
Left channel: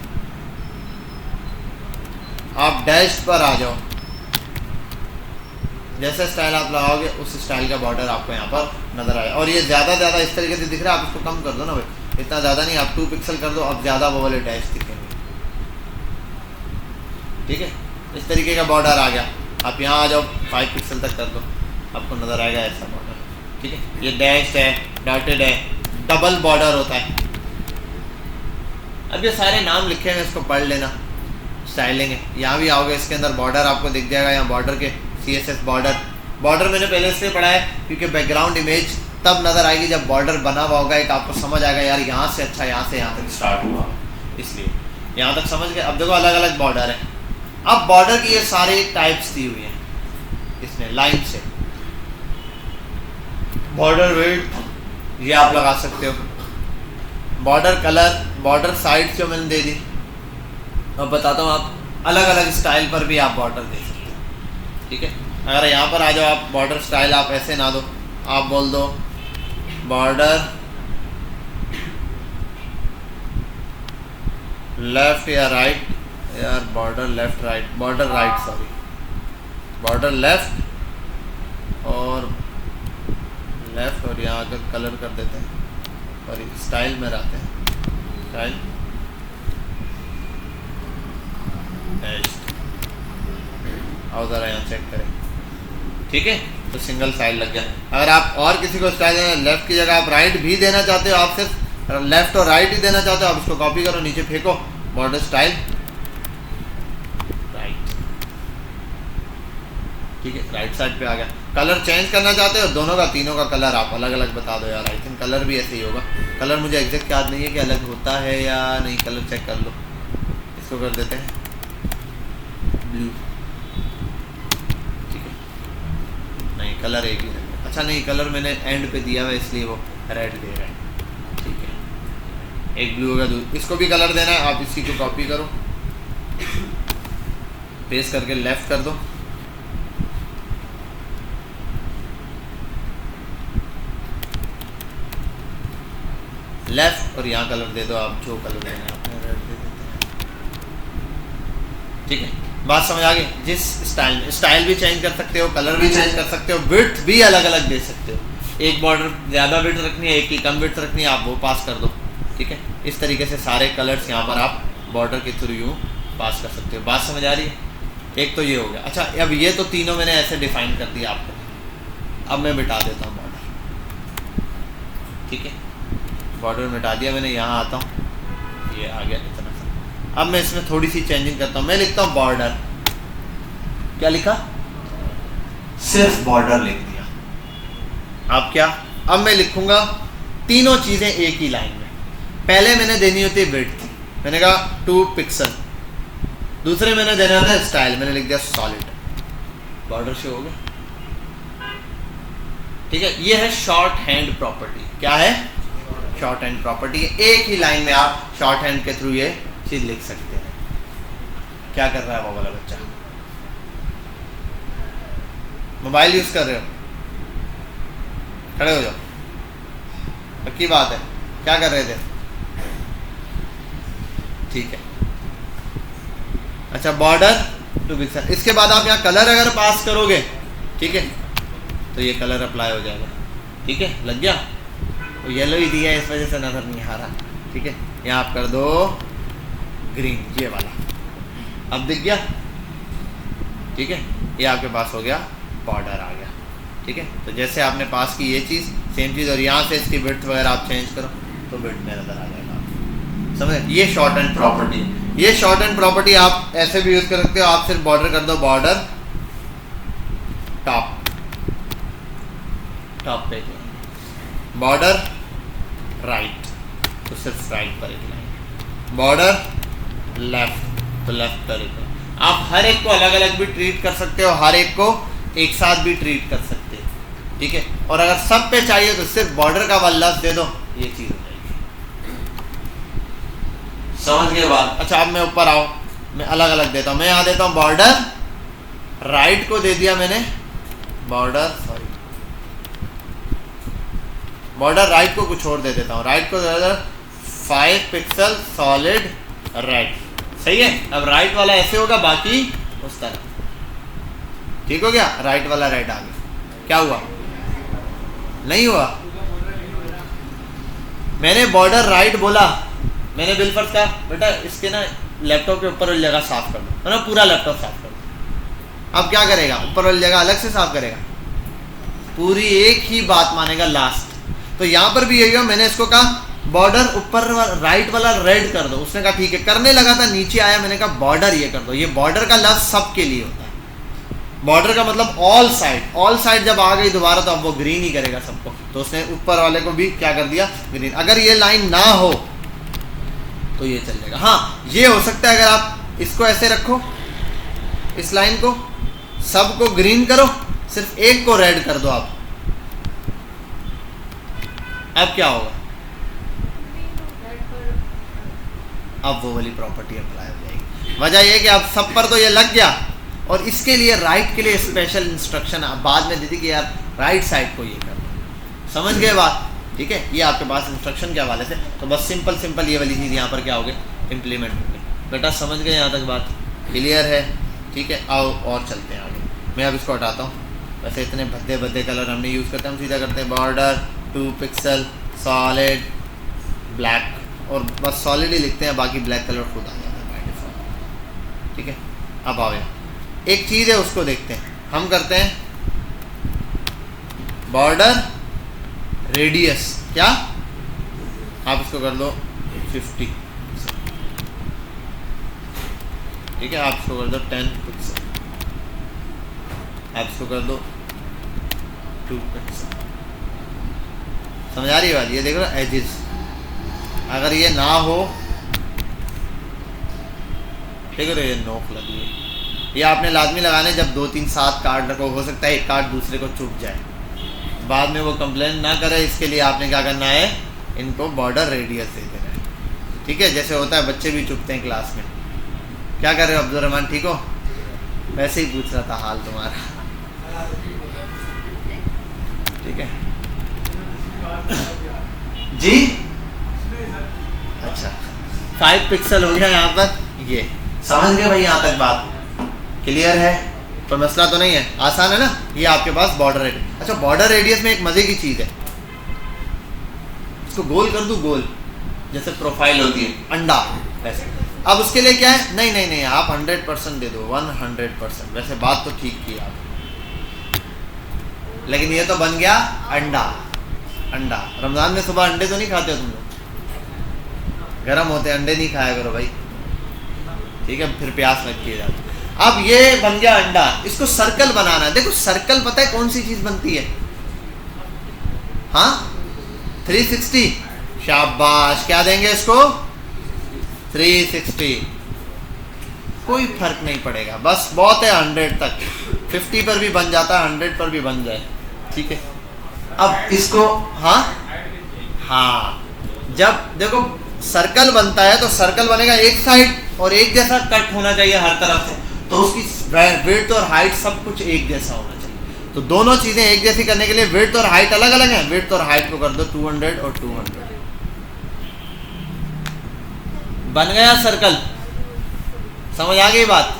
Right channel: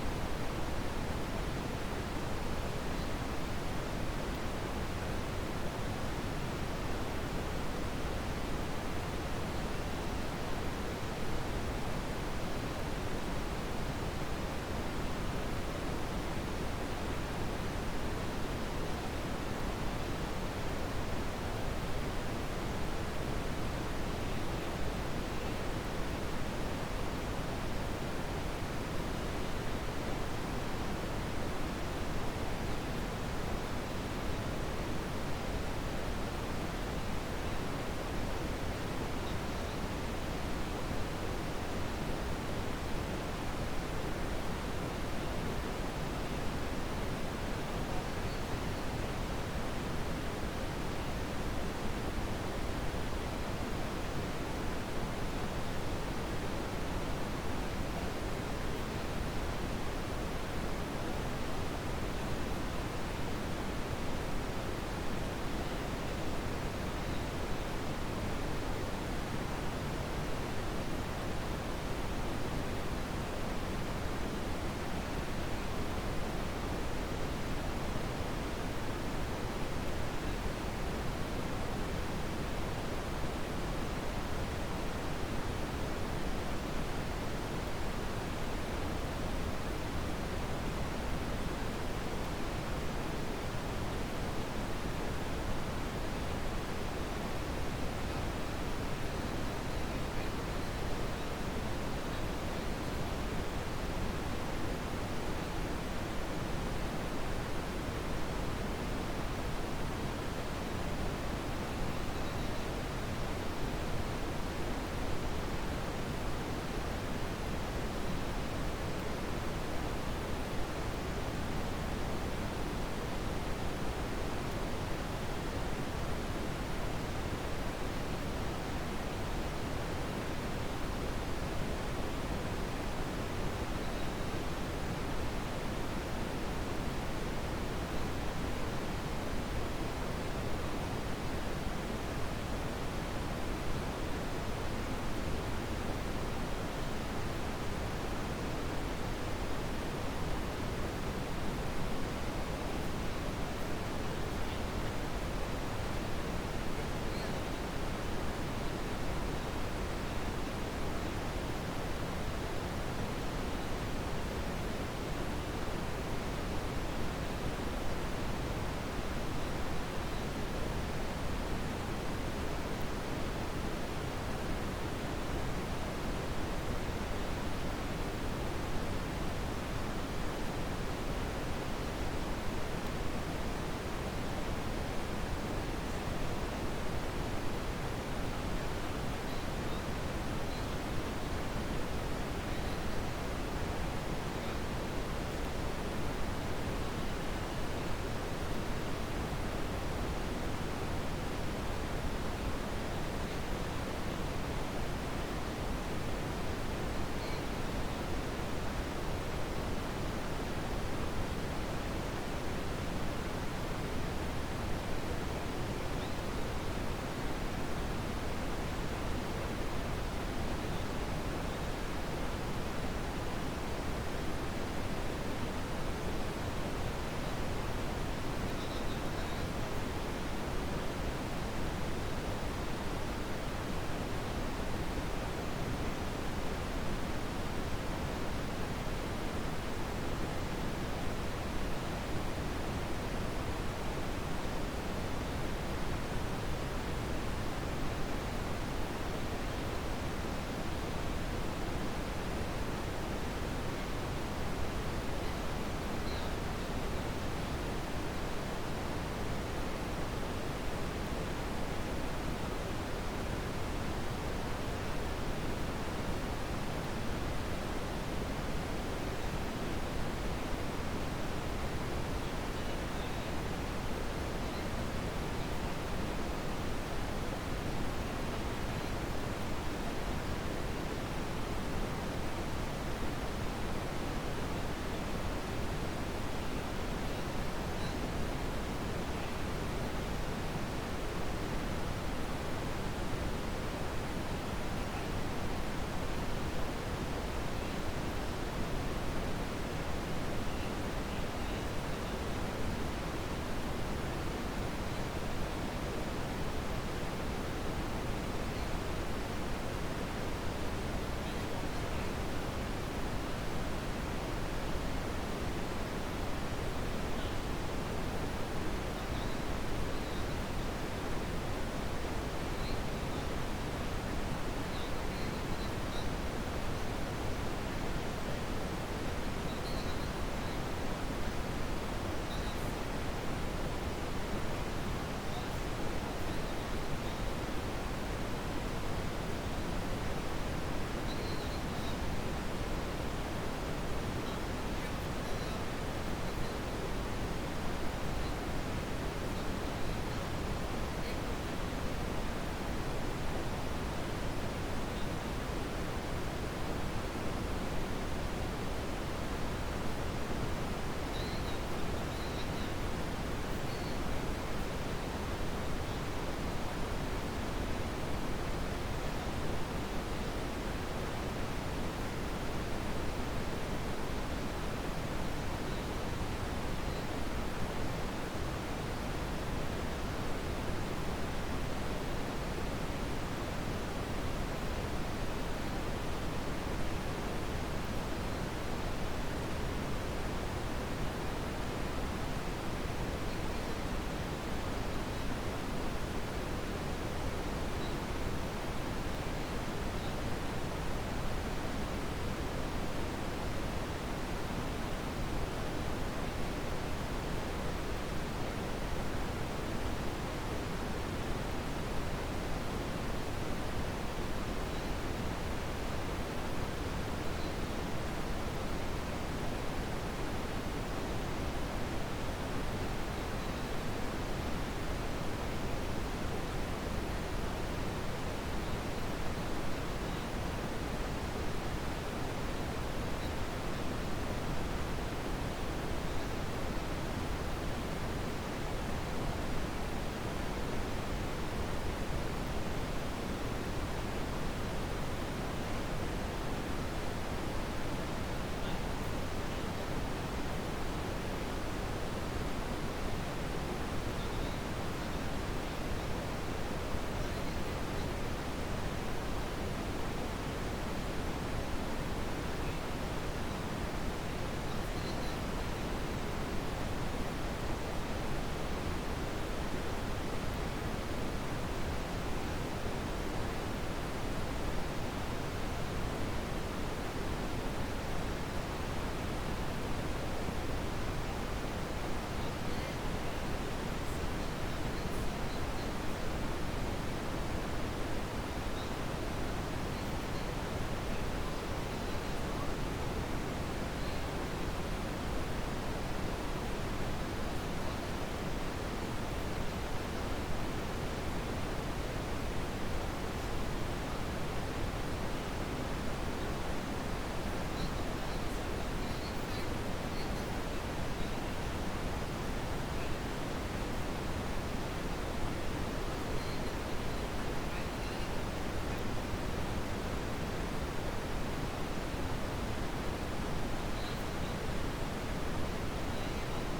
आप डैश पर आ जाओ, जैसा स्टाइल आप लगाओगे उस स्टाइल का बॉर्डर आपको यहाँ पर नजर आए। और ये ज़्यादा इस तरीके से दिख रहा है, आप इसको कम कर दो ना भाई, इतना ज़्यादा नहीं, आप 2 पिक्सल कर दो, अब ज़्यादा वो वाले डैश दिखेंगे, ठीक है। इस तरीके का बॉर्डर आ गया। आप यहाँ आ जाओ, 5 पिक्सल तक कर दो, आपको नज़र आएगा ऐसा बॉर्डर, ठीक है। ये डैश है, डॉटेड है, डबल बॉर्डर होता है। अब ये सारे नाम लिखे हैं, इसको पढ़ लेना, स्टाइलिंग है। यहाँ भी आओगे, इसके अंदर बॉर्डर आपको दिख जाएगा, यहाँ बॉर्डर के CSS बॉर्डर मैंने पहले इसलिए पढ़ा है क्योंकि बैकग्राउंड इमेज तब नज़र आएगी जब बॉर्डर बना हुआ होगा, एक आपको समझ आएगा यार यहाँ से अच्छा यहाँ से यहाँ तक स्टार्ट हुआ, इसलिए यहाँ तक समझ गए। अब देखो अलग अलग बॉर्डर है। अब बॉर्डर की ये सारे टाइप्स दी हुई हैं इसने लाइन से, बॉर्डर विड्थ ये आप लगा सकते हो, बॉर्डर कलर, बॉर्डर साइड जो मैंने दे दी। अब बताता हूँ, आप अलग अलग स्टाइल पर भी आप बॉर्डर दे सकते हो, ठीक है। अगर यहाँ पर आ जाओ आप, बॉर्डर स्टाइल आप ऐसे ना दो, आप बोल दो बॉर्डर लेफ्ट या राइट, यार border left right, border right sorry, border left और लेफ्ट, और यहाँ आकर कलर कर देते हैं और स्टाइल में रहते हैं, स्टाइल आओ ज़रा यहाँ चेक करें, ठीक है। तो सिंगल साइड लग गया। अगर आप और किसी को स्टाइल देना, लेफ्ट की जगह आप राइट भी देना चाहते हो, आप सिर्फ लेफ्ट और राइट ही देना चाहते हो, आप इसको कॉपी करो, नीचे फेंको, बॉर्डर स्टाइल राइट, ठीक है, राइट साइड पे आ गया। कलर चेंज करना चाहते हो, दोनों का तीनों का कलर आप अलग अलग बता दो यार, आई थिंक कलर भी ऐसे ही होगा। कलर मुझे एग्जैक्ट याद नहीं है कि अलग होता है या नहीं, कलर चेक कर लो। इसको कर देते हैं ब्लू, कलर एक ही है, अच्छा नहीं कलर मैंने एंड पे दिया हुआ इसलिए वो रेड दे रहा है, ठीक है। एक ब्लू होगा, इसको भी कलर देना है, आप इसी को कॉपी करो, पेस्ट करके लेफ्ट कर दो, लेफ्ट, और यहाँ कलर दे दो आप जो कलर देना है, रेड दे दो, ठीक है। बात समझ आ गई। जिस स्टाइल में, स्टाइल भी चेंज कर सकते हो, कलर भी चेंज कर सकते हो, विड्थ भी अलग अलग दे सकते हो। एक बॉर्डर ज़्यादा विड्थ रखनी है, एक की कम विड्थ रखनी है, आप वो पास कर दो, ठीक है। इस तरीके से सारे कलर्स यहाँ पर आप बॉर्डर के थ्रू यूँ पास कर सकते हो। बात समझ आ रही है? एक तो ये हो गया। अच्छा, अब ये तो तीनों मैंने ऐसे डिफाइन कर दिया आपको। अब मैं मिटा देता हूँ बॉर्डर, ठीक है। बॉर्डर मिटा दिया मैंने, यहाँ आता हूँ, ये आ गया इतना सा। अब मैं इसमें थोड़ी सी चेंजिंग करता हूँ, मैं लिखता हूँ बॉर्डर, क्या लिखा, सिर्फ बॉर्डर लिख दिया। अब क्या, अब मैं लिखूंगा तीनों चीज़ें एक ही लाइन में। पहले मैंने देनी होती है विड्थ, मैंने कहा 2 पिक्सल। दूसरे मैंने देना था स्टाइल, मैंने लिख दिया सॉलिड, बॉर्डर शो हो गया, ठीक है। ये है शॉर्ट हैंड प्रॉपर्टी। क्या है? Short hand property. एक ही लाइन में आप शॉर्ट हैंड के थ्रू ये चीज लिख सकते हैं। क्या कर रहा है वो वाला बच्चा? मोबाइल यूज कर रहे हो? खड़े हो जाओ, पक्की बात है। क्या कर रहे थे? ठीक है। अच्छा, बॉर्डर 2 पिक्सल। इसके बाद आप यहाँ कलर अगर पास करोगे, ठीक है, तो ये कलर अप्लाई हो जाएगा, ठीक है। लग गया? तो येलो ही दिया है, इस वजह से नजर नहीं आ रहा, ठीक है। यहाँ आप कर दो ग्रीन, ये वाला, अब दिख गया, ठीक है। ये आपके पास हो गया, बॉर्डर आ गया, ठीक है। तो जैसे आपने पास की ये चीज़, सेम चीज़, और यहाँ से इसकी विड्थ वगैरह आप चेंज करो तो विड्थ में नजर आ जाएगा। समझे? ये शॉर्ट हैंड प्रॉपर्टी। ये शॉर्ट हैंड प्रॉपर्टी आप ऐसे भी यूज कर सकते हो। आप सिर्फ बॉर्डर कर दो, बॉर्डर टॉप, टॉप पे बॉर्डर राइट तो सिर्फ राइट पर एक लाइन, बॉर्डर लेफ्ट तो लेफ्ट पर एक। आप हर एक को अलग अलग भी ट्रीट कर सकते हो, हर एक को एक साथ भी ट्रीट कर सकते हो, ठीक है। और अगर सब पे चाहिए तो सिर्फ बॉर्डर का वाला लफ्ज दे दो, ये चीज हो जाएगी। समझ गए बात? अच्छा अब मैं ऊपर आओ, मैं अलग अलग देता हूं। मैं यहाँ देता हूं बॉर्डर राइट को दे दिया मैंने, बॉर्डर राइट को कुछ और दे देता हूँ, राइट को दे देता 5 पिक्सल सॉलिड रेड, सही है। अब राइट वाला ऐसे होगा, बाकी उस तरह, ठीक हो गया। राइट वाला रेड आ गया। क्या हुआ? नहीं हुआ। मैंने बॉर्डर राइट बोला, मैंने बिलफर्ज कहा बेटा इसके ना लैपटॉप के ऊपर वाली जगह साफ कर दो, ना पूरा लैपटॉप साफ कर दो। अब क्या करेगा? ऊपर वाली जगह अलग से साफ करेगा, पूरी एक ही बात मानेगा लास्ट। तो यहाँ पर भी यही हुआ, मैंने इसको कहा बॉर्डर ऊपर राइट वाला रेड कर दो, उसने कहा ठीक है। करने लगा था, नीचे आया, मैंने कहा बॉर्डर ये कर दो। ये बॉर्डर का लफ्ज सबके लिए होता है, बॉर्डर का मतलब ऑल साइड। ऑल साइड जब आ गई दोबारा तो अब वो ग्रीन ही करेगा सबको, तो उसने ऊपर वाले को भी क्या कर दिया? ग्रीन। अगर ये लाइन ना हो तो ये चलेगा। हाँ ये हो सकता है, अगर आप इसको ऐसे रखो, इस लाइन को सबको ग्रीन करो, सिर्फ एक को रेड कर दो आप, अब क्या होगा? अब वो वाली प्रॉपर्टी अप्लाई हो जाएगी। वजह ये कि अब सब पर तो ये लग गया, और इसके लिए राइट के लिए स्पेशल इंस्ट्रक्शन बाद में दी थी कि यार राइट साइड को ये करना। समझ गए बात? ठीक है, ये आपके पास इंस्ट्रक्शन के हवाले से। तो बस सिंपल ये वाली चीज़ यहाँ पर क्या होगी? इम्प्लीमेंट होगी। बेटा समझ गए यहाँ तक बात? क्लियर है? ठीक है, आओ और चलते हैं आगे। मैं अब इसको हटाता हूँ। वैसे इतने भद्दे कलर हमने यूज़ करते हैं, हम सीधा करते हैं बॉर्डर 2 पिक्सल सॉलिड ब्लैक, और बस सॉलिड ही लिखते हैं, बाकी ब्लैक कलर खुद आ जाता है बाय डिफॉल्ट। ठीक है, अब आओ यहाँ एक चीज़ है उसको देखते हैं। हम करते हैं बॉर्डर रेडियस, क्या आप इसको कर दो 50, ठीक है। आप इसको कर दो 10 पिक्सल, आप इसको कर दो 2 पिक्सल। समझ आ रही है बात? ये देखो एजेस, अगर ये ना हो, ठीक है, तो ये नोक लगी है, ये आपने लाजमी लगाने जब 2 3 7 कार्ड रखो। हो सकता है एक कार्ड दूसरे को चुप जाए, बाद में वो कंप्लेन ना करे, इसके लिए आपने क्या करना है? इनको बॉर्डर रेडियस दे देना है। ठीक है, जैसे होता है बच्चे भी चुपते हैं क्लास में। क्या कर रहे हो अब्दुल रहमान, ठीक हो? वैसे ही पूछ रहा था हाल तुम्हारा, ठीक है जी। अच्छा 5 पिक्सल हो गया यहाँ पर, ये समझ गए भाई? यहाँ तक बात क्लियर है? कोई मसला तो नहीं है? आसान है ना? ये आपके पास बॉर्डर रेडियस। अच्छा बॉर्डर रेडियस में एक मजे की चीज़ है, इसको गोल कर दूं, गोल जैसे प्रोफाइल होती है अंडा ऐसे। अब उसके लिए क्या है? नहीं आप 100% दे दो, 100%। वैसे बात तो ठीक की आप, लेकिन ये तो बन गया अंडा। रमजान में सुबह अंडे तो नहीं खाते हो तुम लोग? गर्म होते अंडे नहीं खाया करो भाई, ठीक है, फिर प्यास लगती है जाती। अब ये बन गया अंडा, इसको सर्कल बनाना है। देखो सर्कल पता है कौन सी चीज बनती है? हाँ 360। शाबाश, क्या देंगे इसको? 360। कोई फर्क नहीं पड़ेगा, बस बहुत है 100 तक। 50 पर भी बन जाता है, 100 पर भी बन जाए, ठीक है। अब इसको हाँ जब देखो सर्कल बनता है तो सर्कल बनेगा एक साइड, और एक जैसा कट होना चाहिए हर तरफ से, तो उसकी विड्थ और हाइट सब कुछ एक जैसा होना चाहिए। तो दोनों चीज़ें एक जैसी करने के लिए विड्थ और हाइट अलग अलग हैं। विड्थ और हाइट को कर दो 200 और 200, बन गया सर्कल। समझ आ गई बात?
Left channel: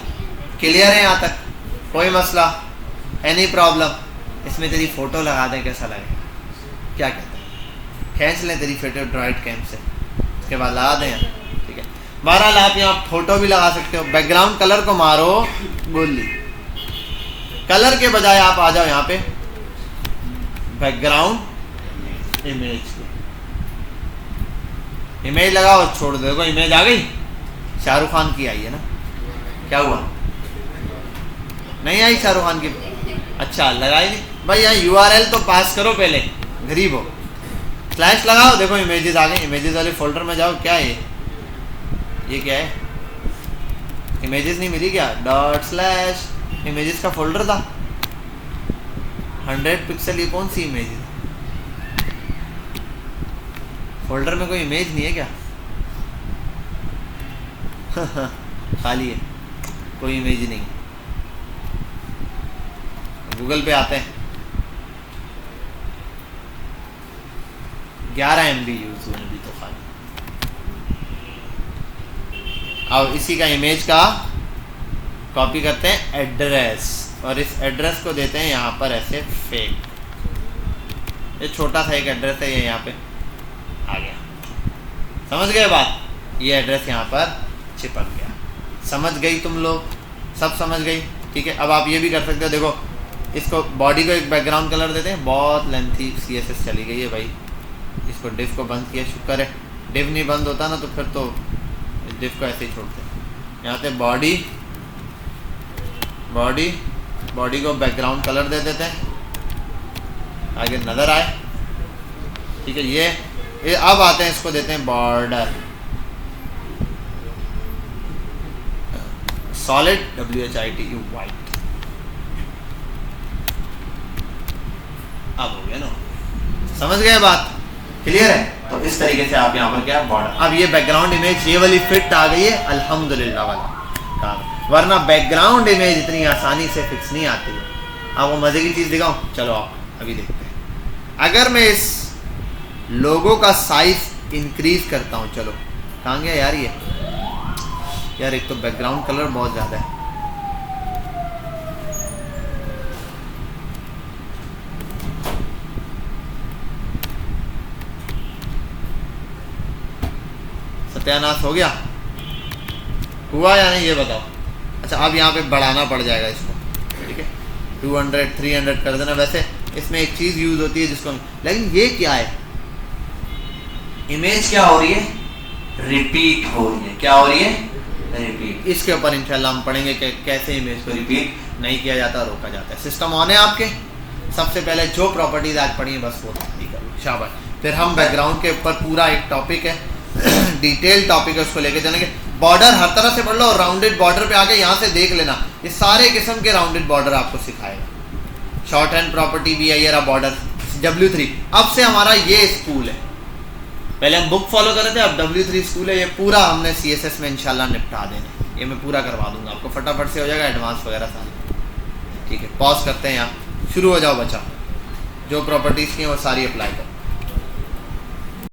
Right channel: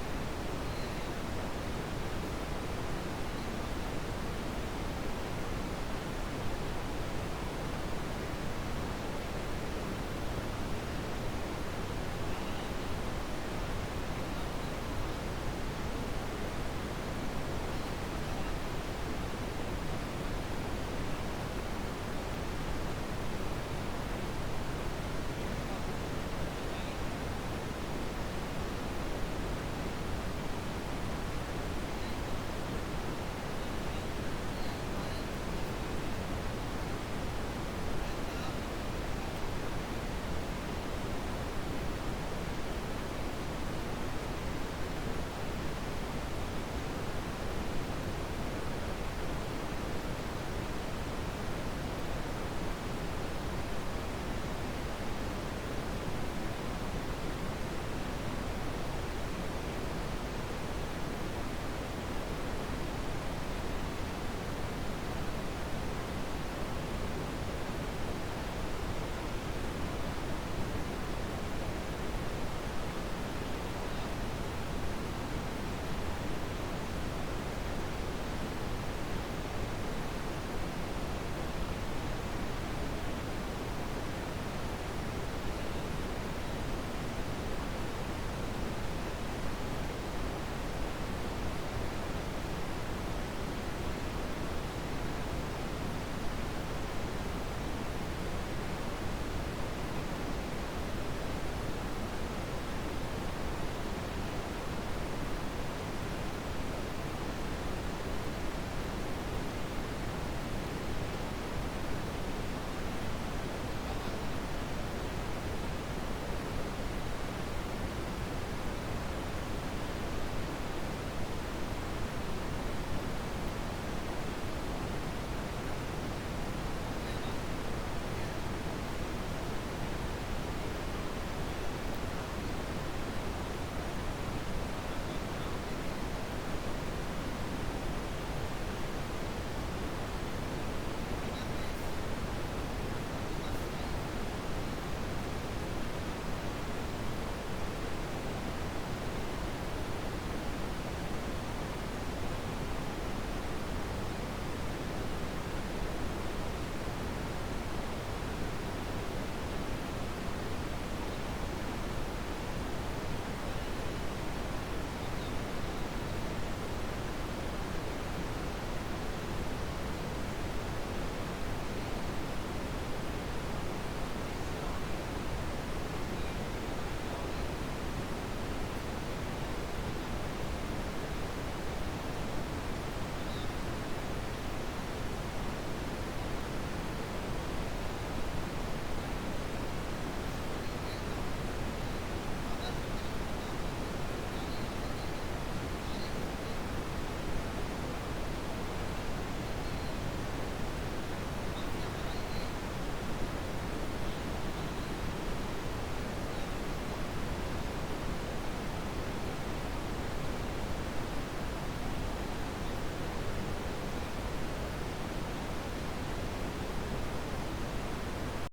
क्लियर है यहाँ तक? कोई मसला, एनी प्रॉब्लम? इसमें तेरी फोटो लगा दें, कैसा लगेगा? क्या कहते हैं? खींच लें तेरी फोटो ड्राइड कैम से, उसके बाद लगा दें, ठीक है। बहरहाल आप यहाँ फोटो भी लगा सकते हो। बैकग्राउंड कलर को मारो गोली, कलर के बजाय आप आ जाओ यहाँ पे बैकग्राउंड इमेज लगाओ, छोड़ दो। देखो इमेज आ गई, शाहरुख खान की आई है ना? क्या हुआ? नहीं आई शाहरुख खान की? अच्छा लगाई नहीं भाई। यहाँ URL तो पास करो पहले, गरीब हो। स्लैश लगाओ, देखो इमेजेस आ गए। इमेजेस वाले फोल्डर में जाओ। क्या है ये क्या है? इमेजेस नहीं मिली क्या? डॉट स्लैश इमेजेस का फोल्डर था। 100 पिक्सल ये कौन सी इमेज है? फोल्डर में कोई इमेज नहीं है क्या? खाली है, कोई इमेज नहीं। गूगल पे आते हैं। 11 MB यूज हुए अभी तो खाली। अब इसी का इमेज का कॉपी करते हैं एड्रेस, और इस एड्रेस को देते हैं यहाँ पर ऐसे फेक। ये छोटा सा एक एड्रेस है, ये यहाँ पे आ गया। समझ गए बात? ये एड्रेस यहाँ पर चिपक गया। समझ गई तुम लोग? सब समझ गई? ठीक है। अब आप ये भी कर सकते हो, देखो इसको बॉडी को एक बैकग्राउंड कलर देते हैं। बहुत लेंथी CSS चली गई है भाई। इसको डिव को बंद किया, शुक्र है। डिव नहीं बंद होता ना तो फिर तो डिव को ऐसे ही छोड़ते हैं। यहाँ से बॉडी को बैकग्राउंड कलर दे देते हैं, आगे नज़र आए। ठीक है। ये अब आते हैं, इसको देते हैं बॉर्डर सॉलिड WHITE वाइट। अब हो गया ना? समझ गए बात? क्लियर है? तो इस तरीके से आप यहाँ पर क्या बॉर्डर। अब ये बैकग्राउंड इमेज ये वाली फिट आ गई है, अल्हम्दुलिल्लाह वाला। वरना बैकग्राउंड इमेज इतनी आसानी से फिक्स नहीं आती है। अब वो मजे की चीज़ दिखाऊं? चलो आप अभी देखते हैं। अगर मैं इस लोगो का साइज इंक्रीज करता हूँ, चलो कहाँ गया यार ये? यार एक तो बैकग्राउंड कलर बहुत ज़्यादा है। सत्यानाश हो गया? हुआ या नहीं ये बताओ? अच्छा, अब यहाँ पे बढ़ाना पड़ जाएगा इसको। ठीक है, 200 300 कर देना। वैसे इसमें एक चीज़ यूज़ होती है जिसको, लेकिन ये क्या है? इमेज क्या हो रही है? रिपीट हो रही है। क्या हो रही है? रिपीट। इसके ऊपर इंशाल्लाह हम पढ़ेंगे कि कैसे इमेज को रिपीट नहीं किया जाता, रोका जाता है। सिस्टम ऑन है आपके? सबसे पहले जो प्रॉपर्टीज आज पढ़ी है बस वो शाबाश। फिर हम बैकग्राउंड के ऊपर पूरा एक टॉपिक है, डिटेल टॉपिक है, उसको लेके चलेंगे। बॉर्डर हर तरह से पढ़ लो, और राउंडेड बॉर्डर पे आके यहाँ से देख लेना, इस सारे किस्म के राउंडेड बॉर्डर आपको सिखाएगा। शॉर्ट हैंड प्रॉपर्टी भी है, ये रहा बॉर्डर W3। अब से हमारा ये स्कूल है। पहले हम बुक फॉलो कर रहे थे, अब W3 स्कूल है। ये पूरा हमने CSS में इंशाल्लाह निपटा देना। ये मैं पूरा करवा दूंगा आपको, फटाफट से हो जाएगा एडवांस वगैरह सारा। ठीक है, पॉज करते हैं, यहाँ शुरू हो जाओ बच्चा। जो प्रॉपर्टीज़ की हैं वो सारी अप्लाई करो।